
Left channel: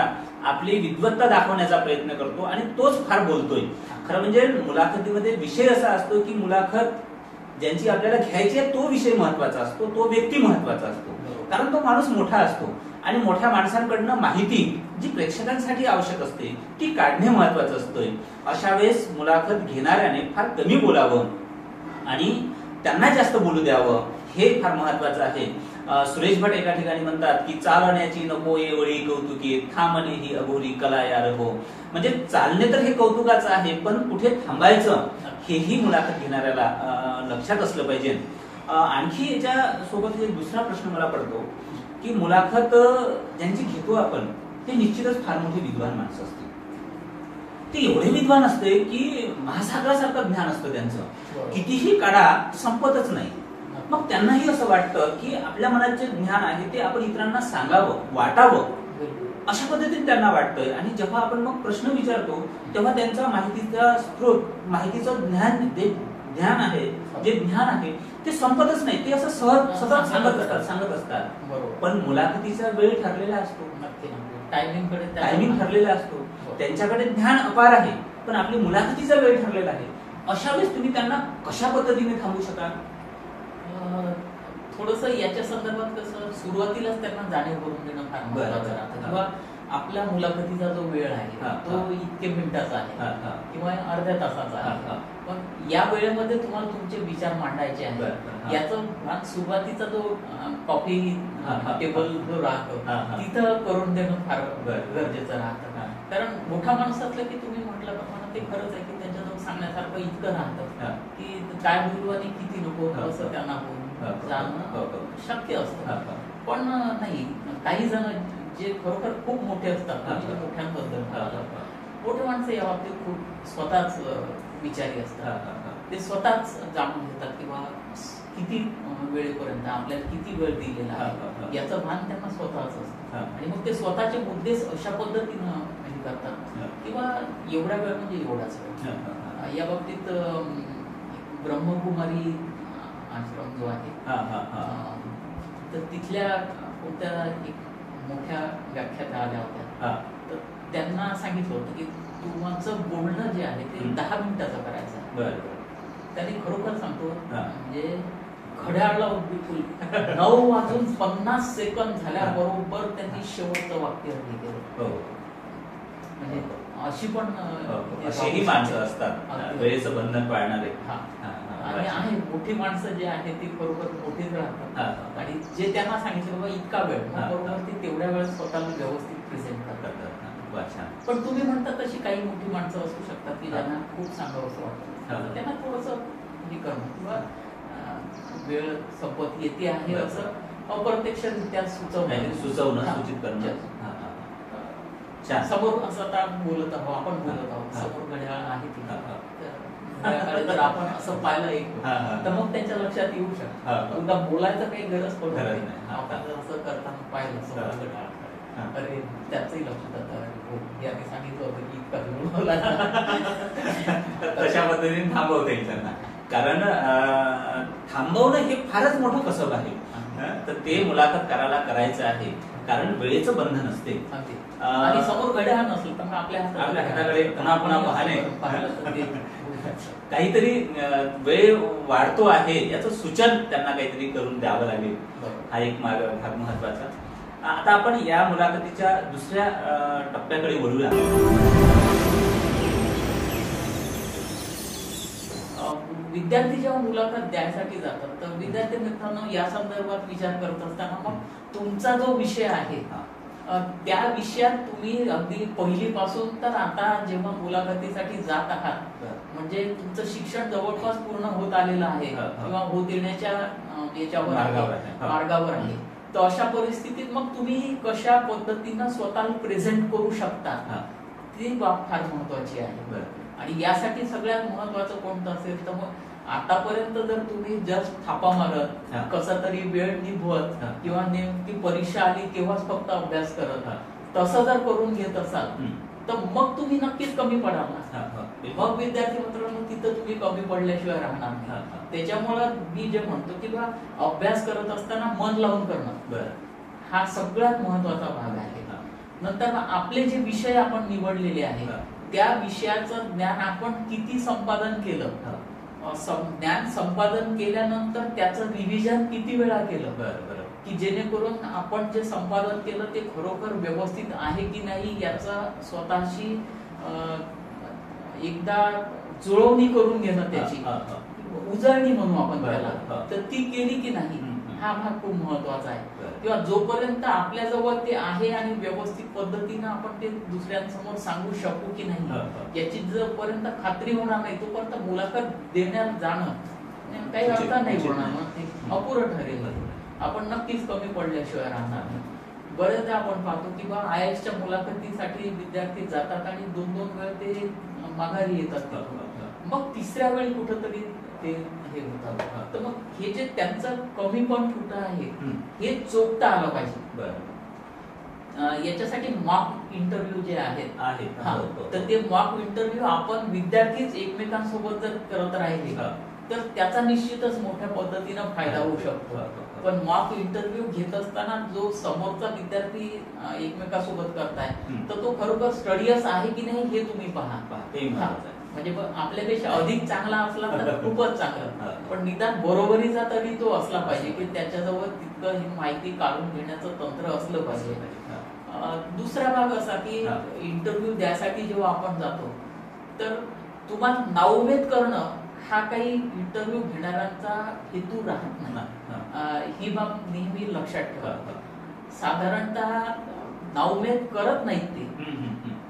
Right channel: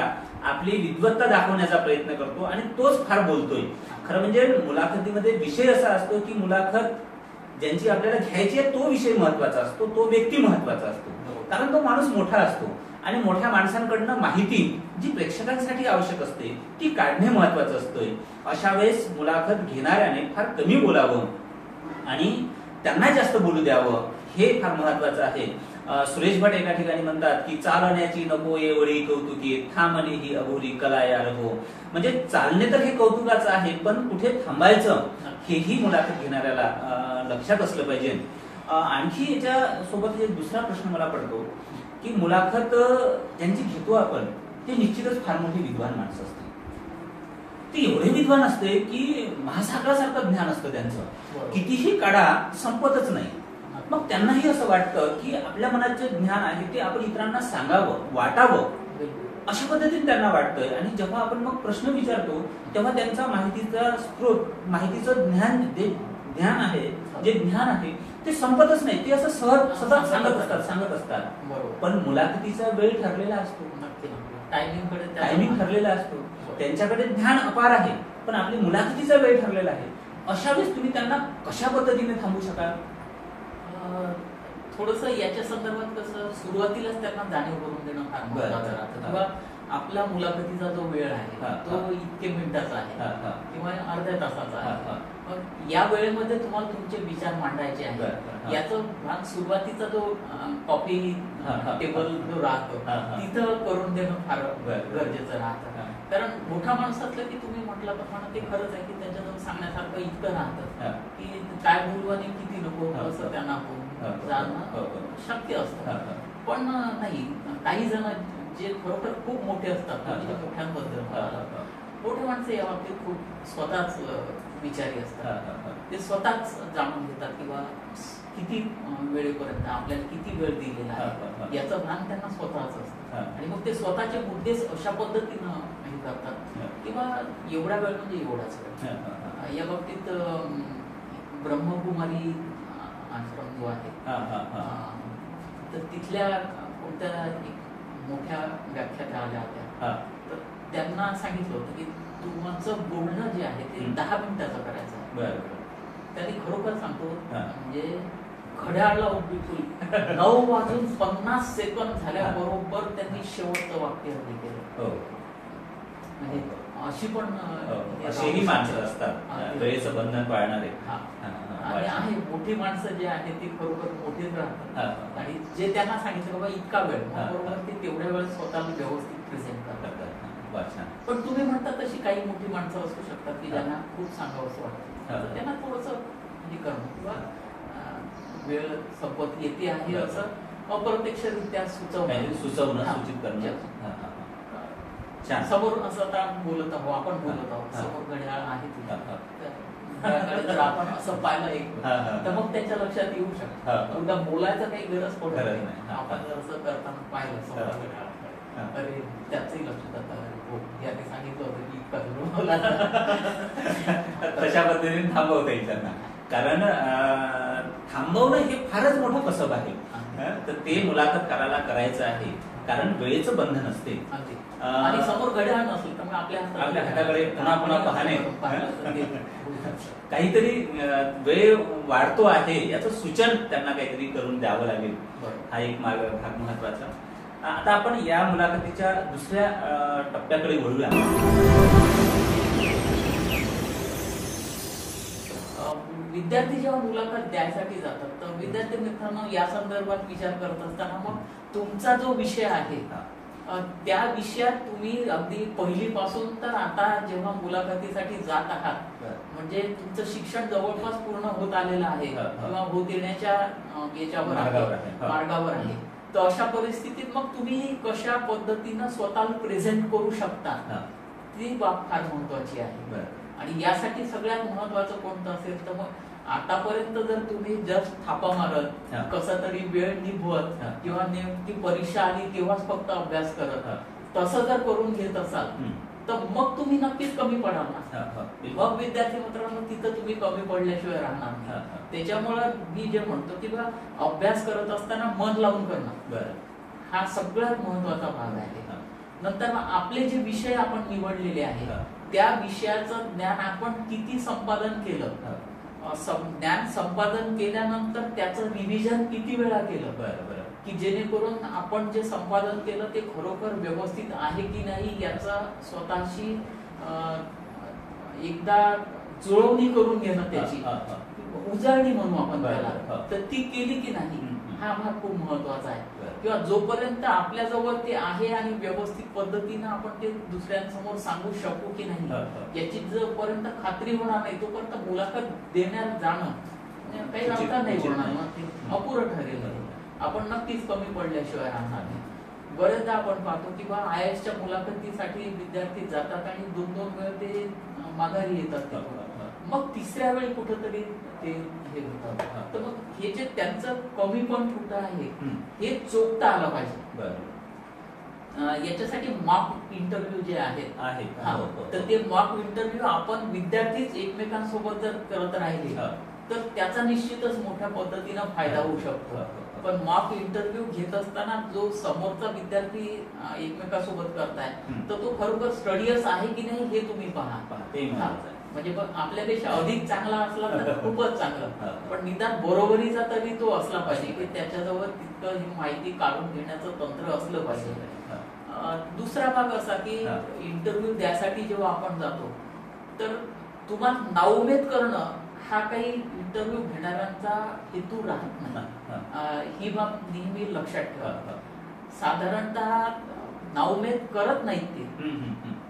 आपली विद्वत्ता दाखवण्याचा प्रयत्न करतो आणि तोच फार बोलतोय. खरं म्हणजे मुलाखतीमध्ये विषय असा असतो की मुलाखत ज्यांची आपल्याला घ्यायची आहे तो विषय महत्वाचा असतो, तो व्यक्ती महत्वाचा असतो. कारण तो माणूस मोठा असतो आणि मोठ्या माणसांकडनं माहिती जी प्रेक्षकांसाठी आवश्यक असते ती काढणे महत्वाचं असतंय. अशा वेळेस मुलाखत घेणाऱ्याने फार कमी बोलावं आणि त्यांना जास्त बोलू द्यावं हे फार महत्वाचं आहे. सुरेश भट एका ठिकाणी म्हणतात की चालण्याची नको एवढी कौतुकी, थांबणे ही अघोरी कला यार हो. म्हणजे चालणे तर हे कौतुकाचं आहे पण कुठे थांबायचं हेही मुलाखत घेणाऱ्याला लक्षात असलं पाहिजे. आणखी याच्या सोबत एक दुसरा प्रश्न मला पडतो की मुलाखत ज्यांची घेतो आपण ते निश्चितच फार मोठी विद्वान माणसं असते. ते एवढे विद्वान असते की महासागरासारखं ज्ञान असतं त्यांचं, कितीही काढा संपतच नाही. मग त्यांनाही असं वाटतं की आपल्या मनात जे ज्ञान आहे ते आपण इतरांना सांगावं, वाटावं, अशा पद्धतीने त्यांना वाटतंय. आणि जेव्हा आपण मग प्रश्न विचारतो तेव्हा त्यांचा माहितीचा स्रोत, माहितीचं ज्ञान आहे, जे ज्ञान आहे ते संपतच नाही. ते असं सतत सांगत असतात. पण मुलाखतीचा वेळ ठरलेला असतो, टायमिंग ठरलेला असतो. त्यांच्याकडे ज्ञान अपार आहे पण आपली मुलाखतीचा वेळ ठरलेला आहे. अशा वेळेस तुम्ही त्यांना कशा पद्धतीने थांबवू शकाल? थोडंसं याच्या संदर्भात कसं सुरुवातीलाच त्यांना जाणीव करून देणं फार महत्त्वाचं राहतं. किंवा आपल्या मुलाखतीचा जो वेळ आहे तो इतके मिनिटाचा आहे किंवा अर्ध्या तासाचा आहे. मग या वेळेमध्ये तुम्हाला तुमचे विचार मांडायचे आहेत. याचं भाग सुरुवातीचा जो कॉफी टेबल जो राहतो तिथं करून देणं फार गरजेचं राहतं. कारण मोठा माणूस असलं की तुम्ही म्हटलं प्रमाणे ते खरंच आहे की त्यांच्याजवळ सांगण्यासारखं इतकं राहतं की काय बोलू आणि किती नको असं त्यांना बोलून जाणं शक्य असतं. पण नाही, काही जण जे खरोखर खूप मोठे असतात, मोठ्यांबद्दल मोठे माणसं या बाबतीत खूप स्वतःच विचारी असतात. ते स्वतःच जाणून घेतात किंवा किती वेळेपर्यंत आपल्याला किती वेळ दिलेला आहे याचं भान त्यांना स्वतःच असतं. आणि मग ते स्वतःचे मुद्दे अशा पद्धतीनं हे करतात किंवा एवढा वेळ म्हणजे एवढाच वेळ. या बाबतीत ब्रह्मकुमारी आश्रम जो आहे तर तिथल्या कोणत्या एक मोठ्या व्याख्यात्या आल्या होत्या. तर त्यांना सांगितलं होतं की तुमचं बोलणं जे आहे ते 10 मिनिटाचं करायचं. त्यांनी खरोखर सांगतो म्हणजे घड्याळला बिलकुल 9:50 झाल्याबरोबर त्यांनी शेवटचं वाक्य केलं. म्हणजे अशी पण अशीही माणसं असतात वेळेचं बंधन पाळणारे. आणि आहे मोठी माणसं जे आहेत ती खरोखर मोठीच राहतात आणि जे त्यांना सांगितलं बाबा इतका वेळ बरोबर ते तेवढ्या वेळ स्वतःला व्यवस्थित प्रेझेंट करतात. पण तुम्ही म्हणता तशी काही मोठी माणसं असू शकतात की ज्यांना खूप सांगावं असं वाटतं, त्यांना थोडंसं हे करणं किंवा वेळ संपत येते आहे असं अप्रत्यक्षरित्या सुचवणं सूचित करणं. समोर असं आता बोलत आहोत, आपण बोलत आहोत, समोर घड्याळ आहे जर आपण असं पाहिलं एक तर मग त्याच्या लक्षात येऊ शकतं. उद्या बोलायचं काही गरज पडत नाही. आपण जर असं करताना पाहिलं समोर घड्याळ अरे त्याचंही लक्षात येतं याने सांगितलं होतं की इतका बोला तशा पद्धतीने थांबवता येईल त्यांना. कारण थांबवणं हे फारच मोठं कसब आहे. तर ते मुलाखत करायचं आहे कारण वेळेचं बंधन असते आणि समोर घड्याळ नसेल तर मग आपल्या हाताकडे पुन्हा पुन्हा पाहणे काहीतरी वेळ वाढतो आहे याचं सूचन त्यांना काहीतरी करून द्यावं लागेल. हा एक भाग महत्वाचा. आता आपण या मुलाखतीच्या दुसऱ्या टप्प्याकडे वळूया. विद्यार्थी जेव्हा मुलाखत द्यायसाठी जातात तर विद्यार्थी मित्रांनो या संदर्भात विचार करत असताना मग तुमचा जो विषय आहे त्या विषयात तुम्ही अगदी पहिलीपासून तर आता जेव्हा मुलाखतीसाठी जात आहात म्हणजे तुमचं शिक्षण जवळपास पूर्ण होत आलेलं आहे किंवा होत येण्याच्या याच्यावर मार्गावर आहे, तर अशा परिस्थितीत मग तुम्ही कशा पद्धतीनं स्वतःला प्रेझेंट करू शकता ती बाब फार महत्वाची आहे. आणि यासाठी सगळ्यात महत्वाचं कोणतं असेल तर मग आतापर्यंत जर तुम्ही जस्ट थापा मारत कसा तरी वेळ निभवत किंवा नेमकी परीक्षा आली तेव्हाच फक्त अभ्यास करत तसं जर करून घेत असाल तर मग तुम्ही नक्कीच कमी पडाल ना. मग विद्यार्थी मित्रांनो तिथं तुम्ही कमी पडल्याशिवाय राहणार नाही. त्याच्यामुळं मी जे म्हणतो की बा अभ्यास करत असताना मन लावून करणं हा सगळ्यात महत्वाचा भाग आहे. नंतर आपले जे विषय आपण निवडलेले आहेत त्या विषयाचं ज्ञान आपण किती संपादन केलं, ज्ञान संपादन केल्यानंतर त्याचं रिव्हिजन किती वेळा केलं की जेणेकरून आपण जे संपादन केलं ते खरोखर व्यवस्थित आहे की नाही याचा स्वतःशी एकदा जुळवणी करून घेणं, त्याची उजळणी म्हणू आपण त्याला, तर ती केली की नाही हा भाग खूप महत्वाचा आहे. किंवा जोपर्यंत आपल्या जवळ ते आहे आणि व्यवस्थित पद्धतीनं आपण ते दुसऱ्यांसमोर सांगू शकू की नाही याची जोपर्यंत खात्री होणार नाही तोपर्यंत मुलाखत देण्यात जाणं काही अर्थ नाही होणार, मग ते अपुरं ठरेल. आपण नक्कीच कमी पडल्याशिवाय राहणार नाही. बरेचदा आपण पाहतो की बा IASच्या मुलाखतीसाठी विद्यार्थी जातात आणि 2-2 वेळ ते माघारी येतात, मग तिसऱ्या वेळी कुठंतरी ते हे होतात. तर मग हे जे त्यांचं कमी पण कुठं आहे हे चोखता आलं पाहिजे. याच्यासाठी मॉक इंटरव्ह्यू जे आहेत तर ते मॉक इंटरव्ह्यू आपण विद्यार्थीच एकमेकांसोबत जर करत राहिले तर त्याचा निश्चितच मोठ्या पद्धतीनं फायदा होऊ शकतो. पण मॉक इंटरव्ह्यू घेत असताना जो समोरचा विद्यार्थी एकमेकांसोबत करताय तर तो खरोखर स्टडियस आहे की नाही हे तुम्ही पहा. म्हणजे आपल्यापेक्षा अधिक चांगला असला तर खूपच चांगलं, पण निदान बरोबरीचा तरी तो असला पाहिजे की त्याच्याजवळ तितकं ही माहिती काढून घेण्याचं तंत्र असलं पाहिजे. दुसरा भाग असा की इंटरव्ह्यू द्यासाठी जेव्हा आपण जातो तर तुम्हाला नाउमेद करणं हा काही इंटरव्ह्यू घेणाऱ्यांचा हेतू राहत नाही. ही बाब नेहमी लक्षात ठेवा. साधारणतः नाउमेद करत नाहीत ते,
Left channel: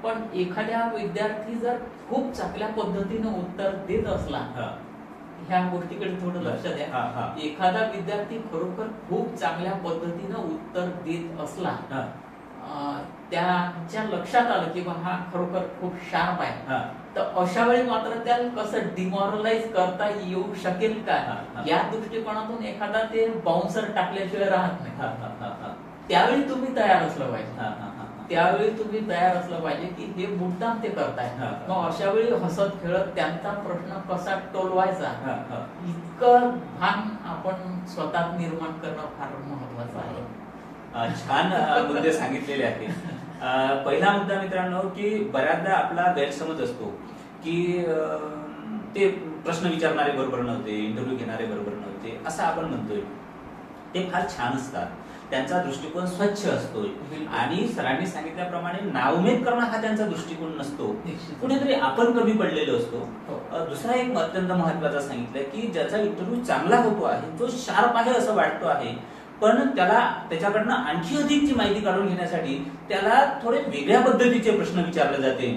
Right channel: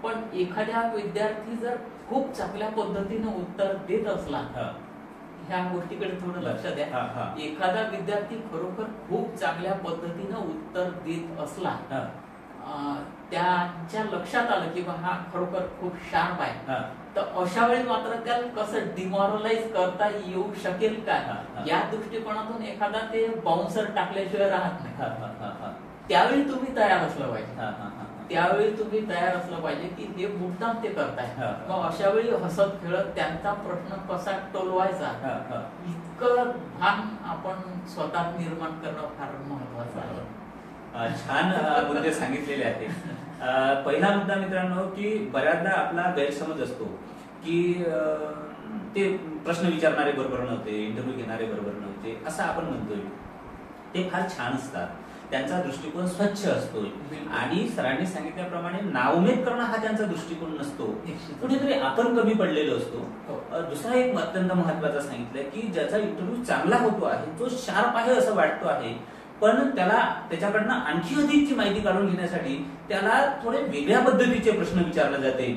पण एखाद्या विद्यार्थी जर खूप चांगल्या पद्धतीने उत्तर देत असला, ह्या गोष्टीकडे थोडं लक्ष द्या. एखादा विद्यार्थी खरोखर खूप चांगल्या पद्धतीनं उत्तर देत असला, त्याच्या लक्षात आलं की हा खरोखर खूप शार्प आहे, तर अशा वेळी मात्र त्याला कसं डिमॉरलाइज करता येऊ शकेल का, या दृष्टिकोनातून एखादा ते बाउन्सर टाकल्याशिवाय राहत नाही. त्यावेळी तुम्ही तयार असलं पाहिजे. त्यावेळी तुम्ही तयार असलं पाहिजे की हे मुद्दाम ते करताय. मग अशा वेळी हसत खेळत त्यांचा प्रश्न कसा टोलवायचा, इतकं भान आपण स्वतः निर्माण करणं फार महत्वाचं आहे. छान मुद्दे सांगितलेले आहेत. पहिला मुद्दा मित्रांनो, की बऱ्याचदा आपला गैरसमज असतो की ते प्रश्न विचारणारे बरोबर नव्हते, इंटरव्ह्यू घेणारे बरोबर नव्हते असं आपण म्हणतोय. ते फार छान असतात, त्यांचा दृष्टिकोन स्वच्छ असतो आणि सरांनी सांगितल्याप्रमाणे नाउमेद करणं हा त्यांचा दृष्टिकोन नसतो. कुठेतरी आपण कमी पडलेलो असतो. दुसरा एक अत्यंत महत्वाचा सांगितलं की ज्याचा इंटरव्ह्यू चांगला होतो आहे, तो शार्प आहे असं वाटतो आहे, पण त्याला त्याच्याकडनं आणखी अधिकची माहिती काढून घेण्यासाठी त्याला थोडे वेगळ्या पद्धतीचे प्रश्न विचारले जाते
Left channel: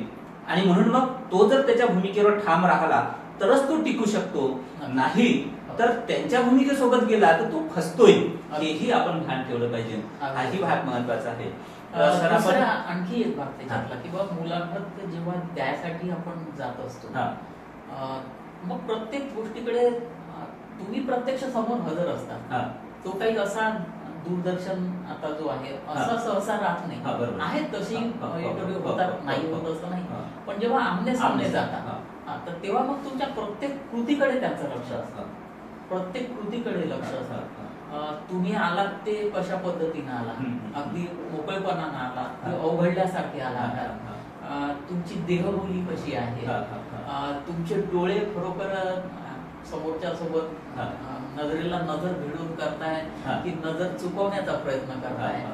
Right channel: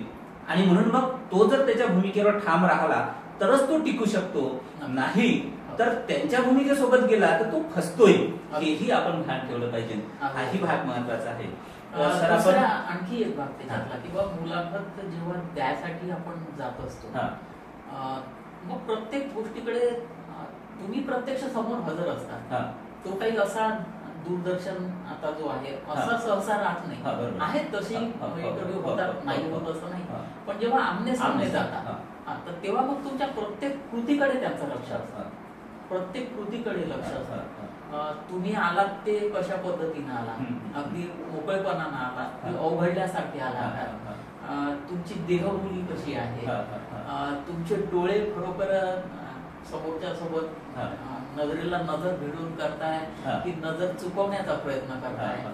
आणि म्हणून मग तो जर त्याच्या भूमिकेवर ठाम राहिला तरच तो टिकू शकतो, नाही तर त्यांच्या भूमिकेसोबत गेला तर तो फसतोय. हेही आपण भान ठेवलं पाहिजे. हाही भाग महत्वाचा आहे. आणखी एक भाग त्याच्यातला की बाबा मुलाखत जेव्हा द्यायसाठी आपण जात असतो, मग प्रत्येक गोष्टीकडे तुम्ही प्रत्यक्ष समोर हजर असतात. तो काही असा दूरदर्शन आता जो आहे असा सहसा राहत नाही. आहेत तशी इंटरव्ह्यू होतात, नाही होत असं नाही, पण जेव्हा आमने सामने जातात तर तेव्हा मग तुमच्या प्रत्येक कृतीकडे त्यांचं लक्ष असतं. प्रत्येक कृतीकडे लक्ष असतं. तुम्ही आलात ते कशा पद्धतीने आला, अगदी मोकळेपणानं आला की अवघडल्यासारखे आला, तुमची देहबोली कशी आहे, तुमचे डोळे खरोखर समोरच्या सोबत नजरेला नजर भिडून करताय की नजर चुकवण्याचा प्रयत्न करताय,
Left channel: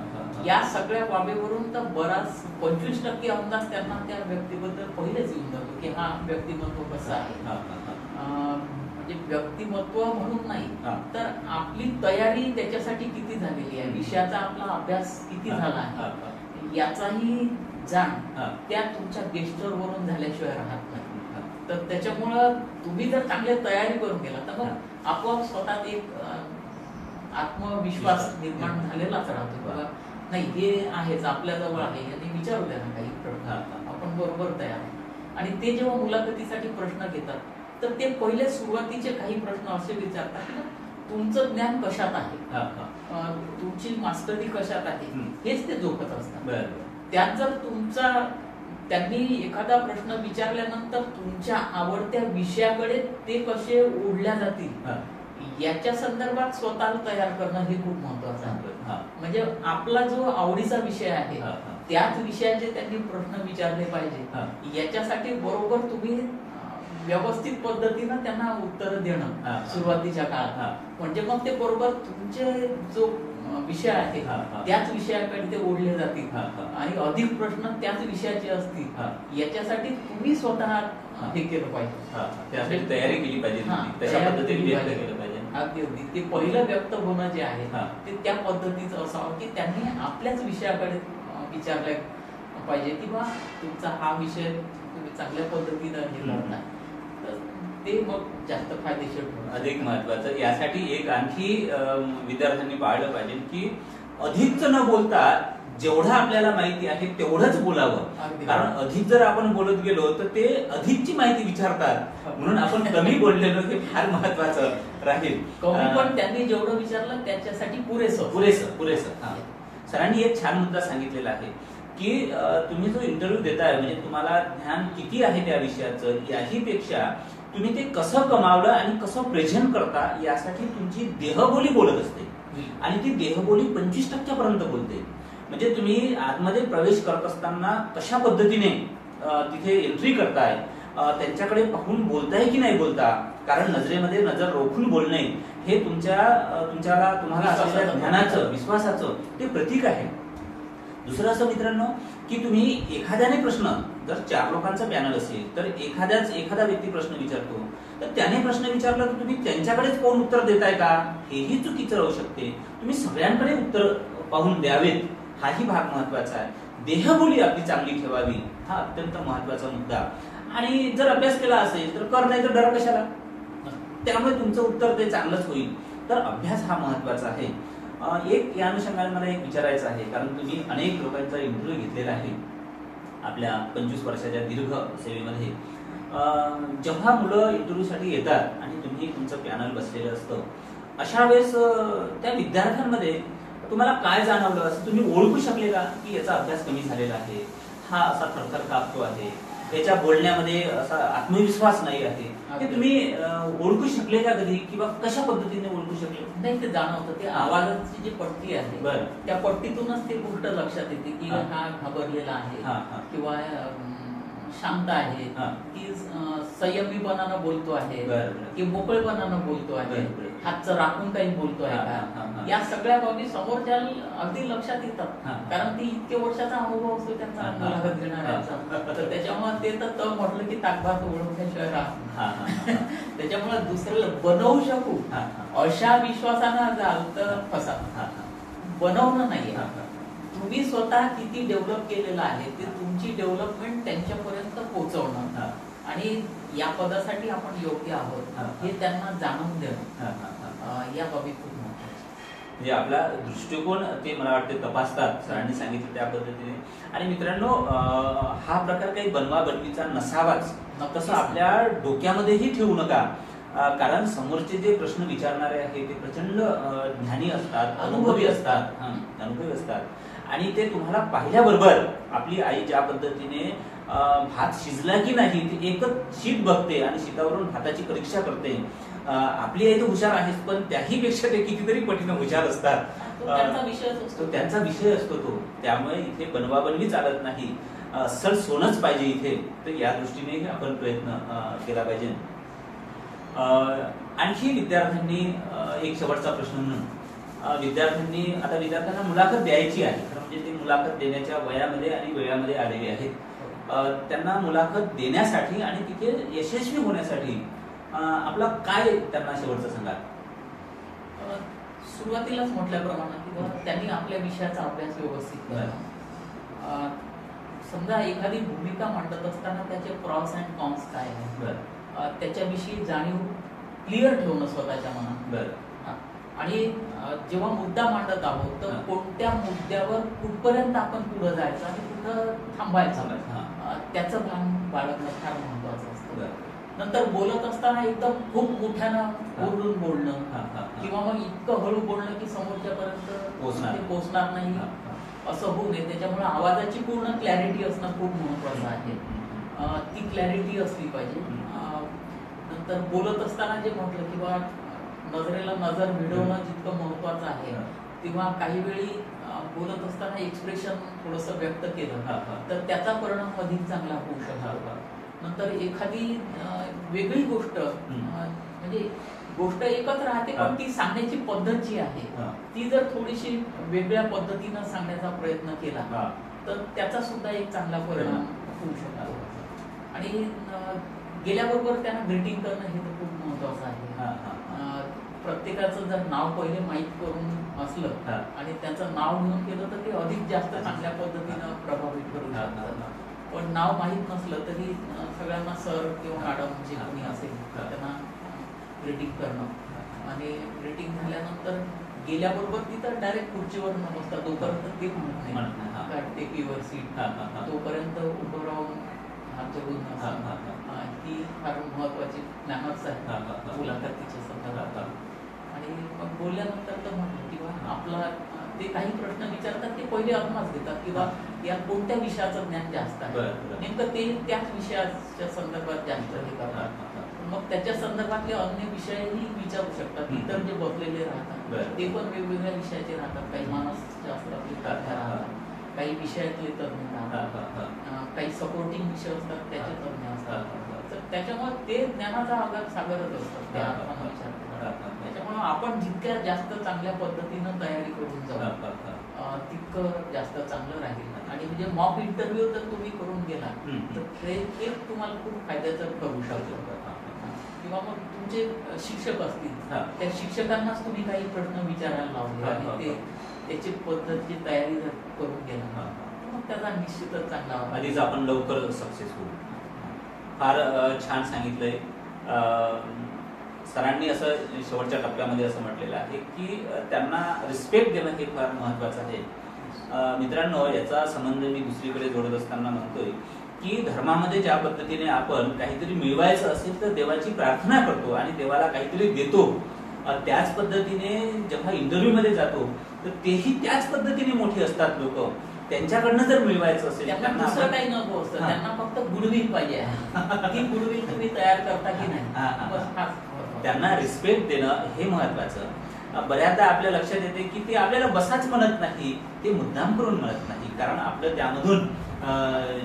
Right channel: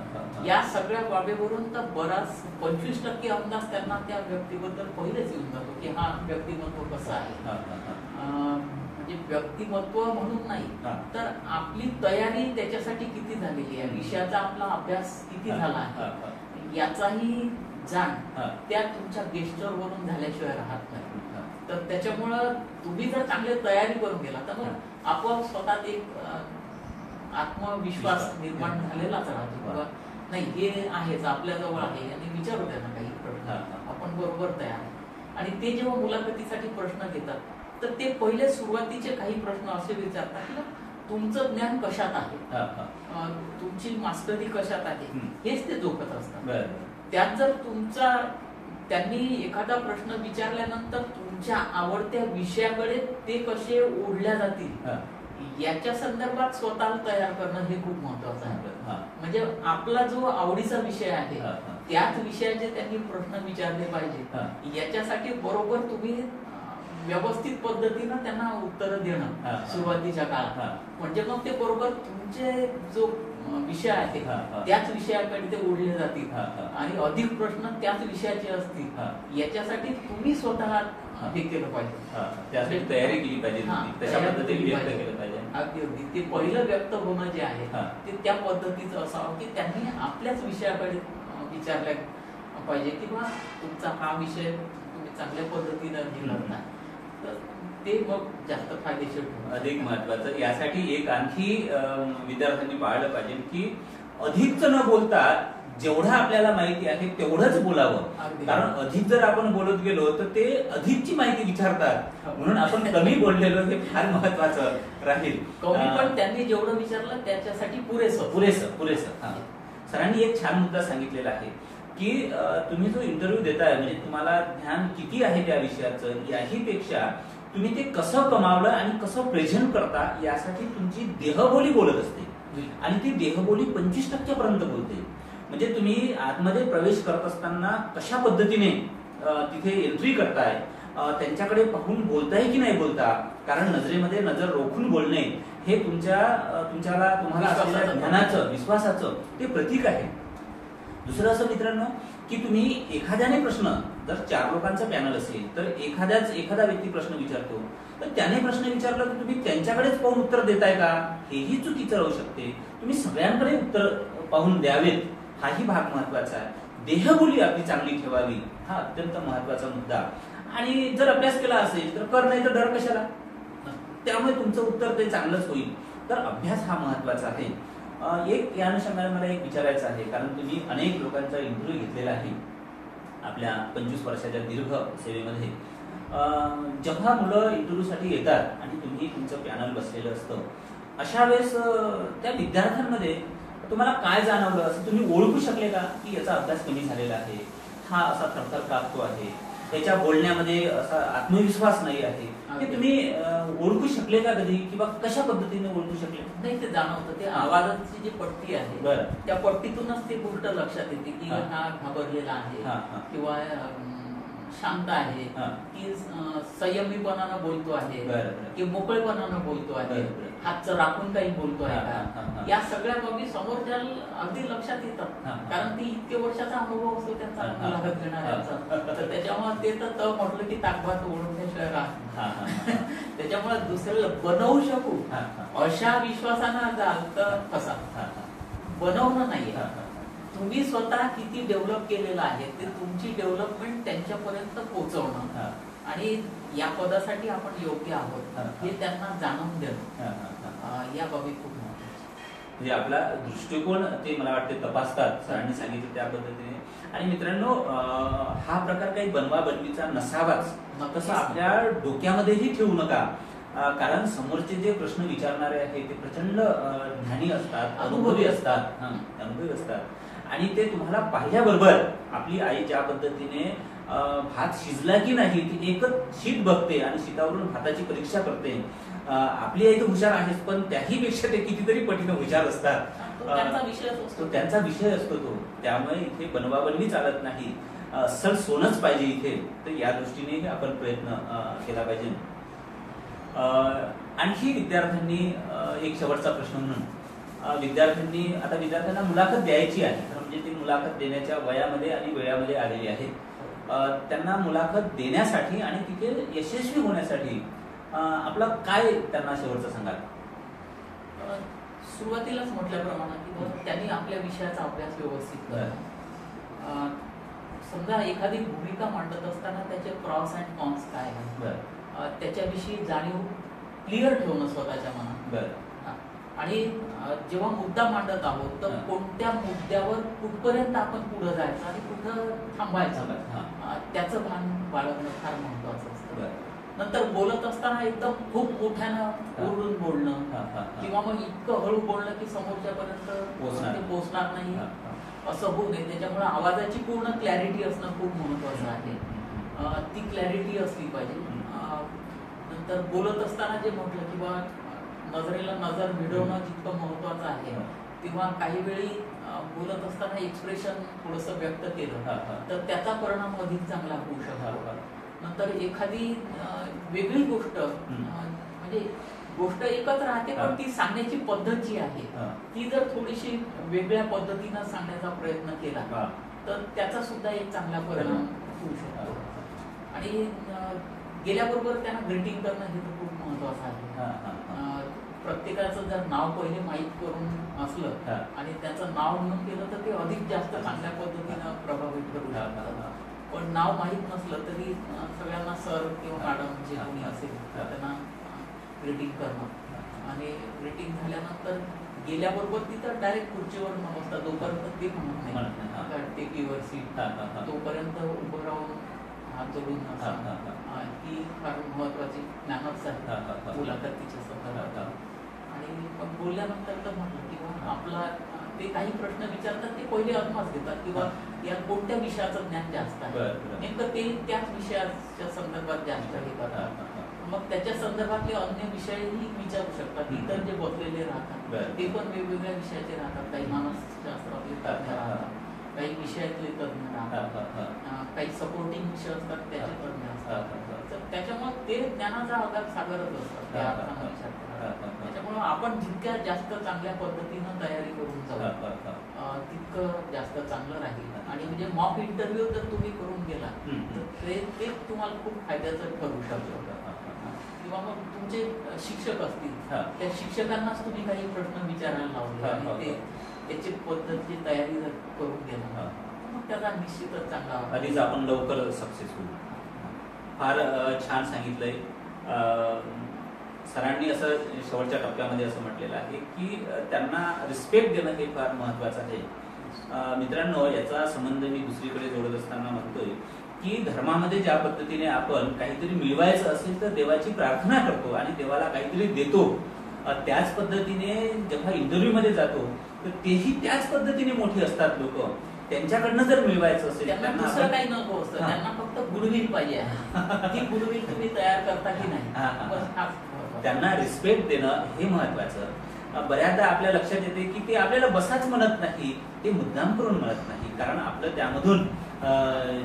या सगळ्या बाबीवरून तर बराच 25% अंदाज त्यांना त्या व्यक्तीबद्दल पहिलेच येऊन जातो की हा व्यक्तिमत्व कसं आहे. म्हणजे व्यक्तिमत्व म्हणून नाही तर आपली तयारी त्याच्यासाठी किती झालेली आहे, विषयाचा आपला अभ्यास किती झाला आहे, याचाही जाण त्या तुमच्या गेस्चर वरून झाल्याशिवाय राहत नाही. तर त्याच्यामुळं तुम्ही जर चांगली तयारी करून गेला तर मग आपोआप स्वतःत एक आत्मविश्वास निर्माण झालेलाच राहतो. बाबा नाही हे आहेच, आपल्या जवळ आहे आणि विचारू द्या ना काही प्रश्न, आपण बरोबर तयार आहे. आणि ते जेव्हा मुलाखतीसाठी प्रश्न घेतात तर ते पहिले सुरुवातीचे काही प्रश्न असे विचारतात की तुमचं ज्ञान कशात आहे, तुमची मास्टरी कशात आहे, हेच ते जोखत असतात. त्यात जर तुमचा त्यांनी एखादा प्रश्न विचारल्यानंतर तुमच्या आवडत्या विषयाकडे ते कसे ओढल्या जातील याच्या संदर्भात स्वतःला तयार करणं हे खूप महत्वाचं आहे. म्हणजे आपला जो आवडीचा विषय आहे त्याच विषयाचे त्यांनी प्रश्न विचारले पाहिजे, याच्यासाठी बरोबर तुम्ही व्यवस्थित पद्धतीनं त्यांना उत्तर देणं सुरुवातीच्या काळात, म्हणजे मग ते बरोबर तुमचे जो विषय आहे त्याच विषयाकडे ते ओढले जातील आणि अधिक प्रश्न त्याच विषयाचे असतील, याच्यासाठी तुम्ही स्वतः हे केलं पाहिजे, तयारी केली पाहिजे. अगदी अगदी ते पहिलं व्यक्त होणं जे आहे ते त्या पद्धतीचं असावं की त्यांनी आपल्याच विषयाकडे विचारलं पाहिजे की बा तुमचा हा विषय तुम्ही चांगल्या पद्धतीनं निवडला तर ते मग जास्त फायदेशीर अधिक महत्वाचं. यासाठी एक आणखी विद्यार्थ्यांनी पाळलं पाहिजे की अधिकच न बोलता जेवढं आपल्याला माहिती आहे तेवढंच बोलावं, कारण अधिक जर आपण बोलत गेलो तर ते अधिकची माहिती विचारतात, म्हणून आपण कमी बोललेलो हे फार महत्वाचं राहील. कमी पण त्यांनी जेवढं विचारलं त्याच्यासाठी पुरेसं पुरेसं पुरेसं. सरांनी एक छान मुद्दा सांगितलेला आहे की तुम्ही जो इंटरव्ह्यू देताय म्हणजे तुम्हाला ज्ञान किती आहे त्या विषयाचं याही पेक्षा तुम्ही ते कसं कमावलं आणि कसं प्रेझेंट करता यासाठी तुमची देहबोली बोलत असते आणि ती देहबोली 25% पर्यंत बोलते. म्हणजे तुम्ही आतमध्ये प्रवेश करत असताना कशा पद्धतीने तिथे एंट्री करताय, त्यांच्याकडे पाहून बोलताय की नाही बोलता, कारण नजरेमध्ये नजर रोखून बोलणे हे तुम्हाला असलेल्या ज्ञानाचं विश्वासाचं ते प्रतीक आहे. दुसरं असं मित्रांनो की तुम्ही एखाद्याने प्रश्न, जर 4 लोकांचं पॅनल असेल तर एखादा व्यक्ती प्रश्न विचारतो, तर त्याने प्रश्न विचारला तर तुम्ही त्यांच्याकडेच पाहून उत्तर देताय का, हेही चुकीचं राहू शकते. तुम्ही सगळ्यांकडे उत्तर पाहून द्यावेत, हाही भाग महत्वाचा आहे. देहबोली आपली चांगली ठेवावी, हा अत्यंत महत्वाचा मुद्दा. आणि जर अभ्यास केला असेल तर कर, नाही तर डर कशाला. त्यामुळे तुमचं उत्तर ते चांगलंच होईल. तर अभ्यास हा महत्वाचा आहे. एक या अनुषंगाने मला एक विचारायचं आहे, कारण तुम्ही अनेक लोकांचा इंटरव्ह्यू घेतलेला आहे आपल्या 25 वर्षाच्या दीर्घ सेवेमध्ये. जेव्हा मुलं इंटरव्ह्यूसाठी येतात आणि तुम्ही तुमचं पॅनल बसलेलं असतं, अशा वेळेस त्या विद्यार्थ्यांमध्ये तुम्हाला काय जाणवलं, असं तुम्ही ओळखू शकले का की याचा अभ्यास कमी झालेला आहे, हा असा थरथर कापतो आहे, त्याच्या बोलण्यामध्ये असा आत्मविश्वास नाही आहे, ते तुम्ही ओळखू शकले का कधी, किंवा कशा पद्धतीने ओळखू शकले? नाही, ते जाणवतं. ते आवाजाची जी पट्टी आहे त्या पट्टीतूनच ते गोष्ट लक्षात येते की हा घाबरलेला आहे किंवा शांत आहे, की संयमीपणानं बोलतो आहे, की मोकळेपणानं बोलतो आहे, हातचं राखून काही बोलतो आहे का, या सगळ्या बाबी समोरच्या अगदी लक्षात येतात. कारण ती इतके वर्षाचा अनुभव असतो त्यांचा मुलाखत घेणाऱ्यांचा. तर त्याच्यामुळे ते तर म्हटलं की ताकभात ओळखण्याशिवाय राहत. त्याच्यामुळे दुसऱ्याला बनवू शकू अशा विश्वासानं जाल तर फसा. बनवणं नाहीये, तुम्ही स्वतः किती डेव्हलप केलेलं आहे ते तुमची डेव्हलपमेंट त्यांच्यापर्यंत पोहोचवणं आणि या पदासाठी आपण योग्य आहोत हे त्यांना जाणून देणं, या बाबी खूप महत्त्वाच्या. म्हणजे आपला दृष्टिकोन ते मला वाटते तपासतात, सरांनी सांगितलं त्या पद्धतीने. आणि मित्रांनो, हा प्रकार काही बनवा बनवीचा नसावाच, तसं आपल्या डोक्यामध्येही ठेवू नका. कारण समोरचे जे प्रश्न विचारणारे आहेत ते प्रचंड ज्ञानी असतात, अनुभवी असतात. आणि ते तुम्हाला पाहिल्याबरोबर आपली आई ज्या पद्धतीने भात शिजला की नाही ती एकच शीट बघते आणि शीटावरून भाताची परीक्षा करते. आपली आई तर हुशार आहेच, पण त्याही पेक्षा ते कितीतरी पटीनं हुशार असतात. त्यांचा विषय असतो तो. त्यामुळे इथे बनवाबनवी चालत नाही, असल सोनच पाहिजे इथे. तर या दृष्टीने आपण प्रयत्न केला पाहिजे. आणखी विद्यार्थ्यांनी एक शेवटचा प्रश्न म्हणून, विद्यार्थ्यांना मुलाखत द्यायची आहे, म्हणजे ते मुलाखत देण्याच्या वयामध्ये आणि वेळामध्ये आलेले आहेत. त्यांना मुलाखत देण्यासाठी आणि तिथे यशस्वी होण्यासाठी आपलं काय त्यांना शेवटचं सांगाल? सुरुवातीलाच म्हटल्याप्रमाणे की त्यांनी आपल्या विषयाचा अभ्यास व्यवस्थित करावा. समजा एखादी भूमिका मांडत असताना त्याचे प्रॉस अँड कॉन्स काय आहे त्याच्याविषयी जाणीव क्लिअर ठेवणं स्वतःच्या मनात. आणि जेव्हा मुद्दा मांडत आहोत तर कोणत्या मुद्द्यावर कुठपर्यंत आपण पुढे जायचं आणि कुठं थांबायचं त्याचं भान बाळगणं फार महत्वाचं असतं. नंतर बोलत असताना एकदम खूप मोठ्यानं ओरडून बोलणं किंवा मग इतकं हळू बोलणं की समोरच्यापर्यंत पोहोचणार नाही असं होऊ नये. त्याच्यामुळे आवाजाची पूर्ण क्लॅरिटी असणं खूप महत्वाचं आहे. ती क्लॅरिटी असली पाहिजे. नंतर बोलत असताना जे म्हटलं किंवा नजरेला नजर भिडवणं जितकं महत्वाचं आहे, किंवा काही वेळी बोलत असताना एक्सप्रेशन थोडंसं व्यक्त केलं तर त्याचा परिणाम अधिक चांगला होऊ शकतो. नंतर एखादी वेगळी गोष्ट, म्हणजे गोष्ट एकच राहते पण ती सांगण्याची पद्धत जी आहे ती जर थोडीशी वेगळ्या पद्धतीनं सांगण्याचा प्रयत्न केला तर त्याचा सुद्धा एक चांगला परिणाम होऊ शकतो. आणि गेल्याबरोबर त्यांना ग्रीटिंग करणं हे तर खूप महत्वाचं आहे. प्रत्येकाचं जर नाव पहिले माहीत करून असलं आणि त्याचं नाव म्हणून केलं तर ते अधिक जास्त चांगल्या पद्धतीनं प्रभावित करू शकतात. पण नाव माहीत नसलं तरी सगळ्यांना सर किंवा मॅडम जे कोणी असेल त्यांना ग्रीटिंग करणं. आणि ग्रीटिंग झाल्यानंतर गेल्याबरोबर तिथं डायरेक्ट खुर्चीवर नसतात तोपर्यंत ते म्हणत नाही टेक युअर सीट, तोपर्यंत उभं राहून हात जोडून ही फार महत्वाची मॅनर्स आहेत मुलाखतीच्या संदर्भात. आणि मग बोलल्यानंतर तर म्हटलं किंवा आपला ते काही प्रश्न विचारतात ते पहिले अनुभव देतात किंवा यात कोणत्या विषयाचं ज्ञान जास्त आहे, नेमकं ते त्याच विषयाच्या संदर्भात जास्त हे करतात. मग त्याच्या संदर्भातले अन्य विषयही विचारू शकतात. इतर जे बसलेले राहतात ते पण वेगवेगळ्या विषयाचे राहतात. काही मानसशास्त्रातले तज्ञ राहतात, काही विषयातले तज्ञ राहतात, काही सपोर्टिंग विषय असतात त्याचे तज्ञ असतात. तर त्याच्यामुळे ते ज्ञानाचा आगार सागरच असतात त्या अर्थानं विचार. त्याच्यामुळे आपण जितक्या जास्त चांगल्या पद्धतीनं तयारी करून जाऊ तितकं जास्त चांगलं राहील. आणि म्हणजे मॉक इंटरव्ह्यू जर तुम्ही करून गेला तर ते तुम्हाला खूप फायद्याचं ठरू शकतं. किंवा मग तुमचे शिक्षक असतील त्या शिक्षकांनाच तुम्ही काही प्रश्न विचारायला लावले आणि ते त्याची पद्धतीची तयारी जर करून गेला मग त्याचा निश्चितच चांगला आधीच आपण लवकर सक्सेसफुल. फार छान सांगितलंय सरांनी. असं शेवटच्या टप्प्यामध्ये असं म्हटलेलं आहे की त्यांना रिस्पेक्ट देणं हे फार महत्वाचं आहे. मित्रांनो, याचा संबंध मी दुसरीकडे जोडत असताना म्हणतोय की धर्मामध्ये ज्या पद्धतीने आपण काहीतरी मिळवायचं असेल तर देवाची प्रार्थना करतो आणि देवाला काहीतरी देतो, त्याच पद्धतीने जेव्हा इंटरव्ह्यू मध्ये जातो तर तेही त्याच पद्धतीने मोठे असतात लोक. त्यांच्याकडनं जर मिळवायचं असेल त्यांना दुसरं काही नको असतं, त्यांना फक्त गुडविल पाहिजे. ती गुडविल तुम्ही तयार करता की नाही, त्यांना रिस्पेक्ट देणं हे महत्वाचं. बऱ्याचदा आपल्या लक्षात येते की ते आपल्याला बसाच म्हणत नाही, ते मुद्दाम करून म्हणत नाही. कारण आपलं त्यामधून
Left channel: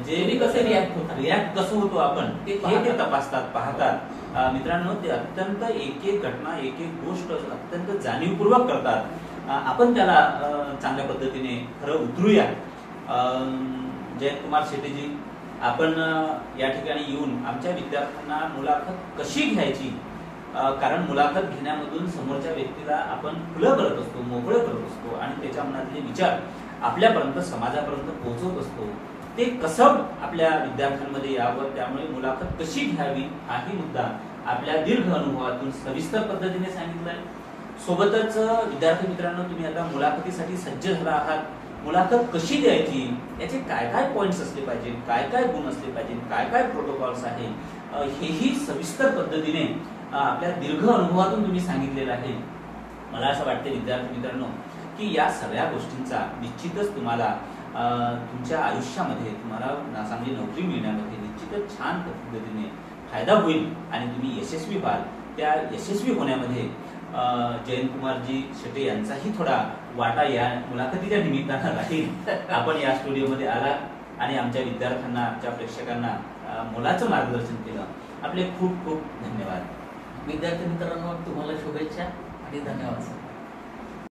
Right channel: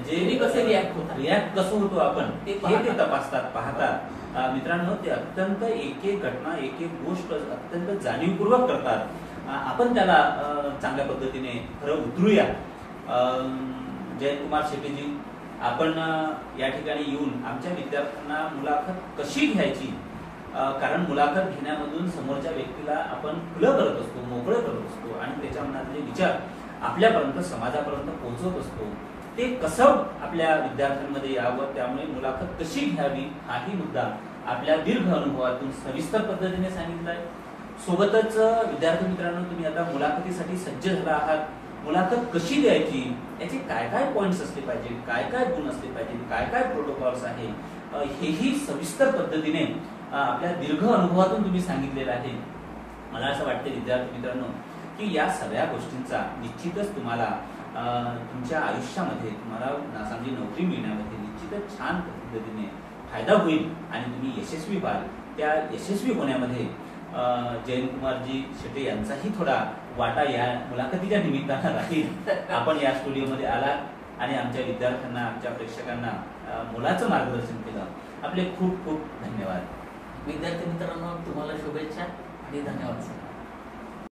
जे कसे रिॲक्ट कसं होतो आपण हे ते तपासतात, पाहतात. मित्रांनो, ते अत्यंत एक एक घटना, एक एक गोष्ट अत्यंत जाणीवपूर्वक करतात. आपण त्याला चांगल्या पद्धतीने खरं उतरूया. जयकुमार शेट्टीजी, आपण या ठिकाणी येऊन आमच्या विद्यार्थ्यांना मुलाखत कशी घ्यायची, कारण मुलाखत घेण्यामधून समोरच्या व्यक्तीला आपण खुलं करत असतो, मोकळं करत असतो आणि त्याच्या मनातले विचार आपल्यापर्यंत, समाजापर्यंत पोहोचवत असतो. ते कसं आपल्या विद्यार्थ्यांमध्ये यावं, त्यामुळे मुलाखत कशी घ्यावी हाही मुद्दा आपल्या दीर्घ अनुभवातून सविस्तर पद्धतीने सांगितलाय. सोबतच विद्यार्थी मित्रांनो, तुम्ही आता मुलाखतीसाठी सज्ज झाला आहात. मुलाखत कशी द्यायची, याचे काय काय पॉइंट्स असले पाहिजे, काय काय गुण असले पाहिजे, काय काय प्रोटोकॉल्स आहे, हेही सविस्तर पद्धतीने आपल्या दीर्घ अनुभवातून तुम्ही सांगितलेलं आहे. मला असं वाटतं विद्यार्थी मित्रांनो की या सगळ्या गोष्टींचा निश्चितच तुम्हाला तुमच्या आयुष्यामध्ये, तुम्हाला चांगली नोकरी मिळण्यामध्ये निश्चितच छान पद्धतीने फायदा होईल आणि तुम्ही यशस्वी व्हाल. त्या यशस्वी होण्यामध्ये जयकुमारजी शेट्टी यांचाही थोडा वाटा या मुलाखतीच्या निमित्तानं राहील. आपण या स्टुडिओमध्ये आलात आणि आमच्या विद्यार्थ्यांना, आमच्या प्रेक्षकांना मोलाचं मार्गदर्शन केलं. आपले खूप खूप धन्यवाद. विद्यार्थी मित्रांनो, तुम्हाला शुभेच्छा आणि धन्यवाद सर.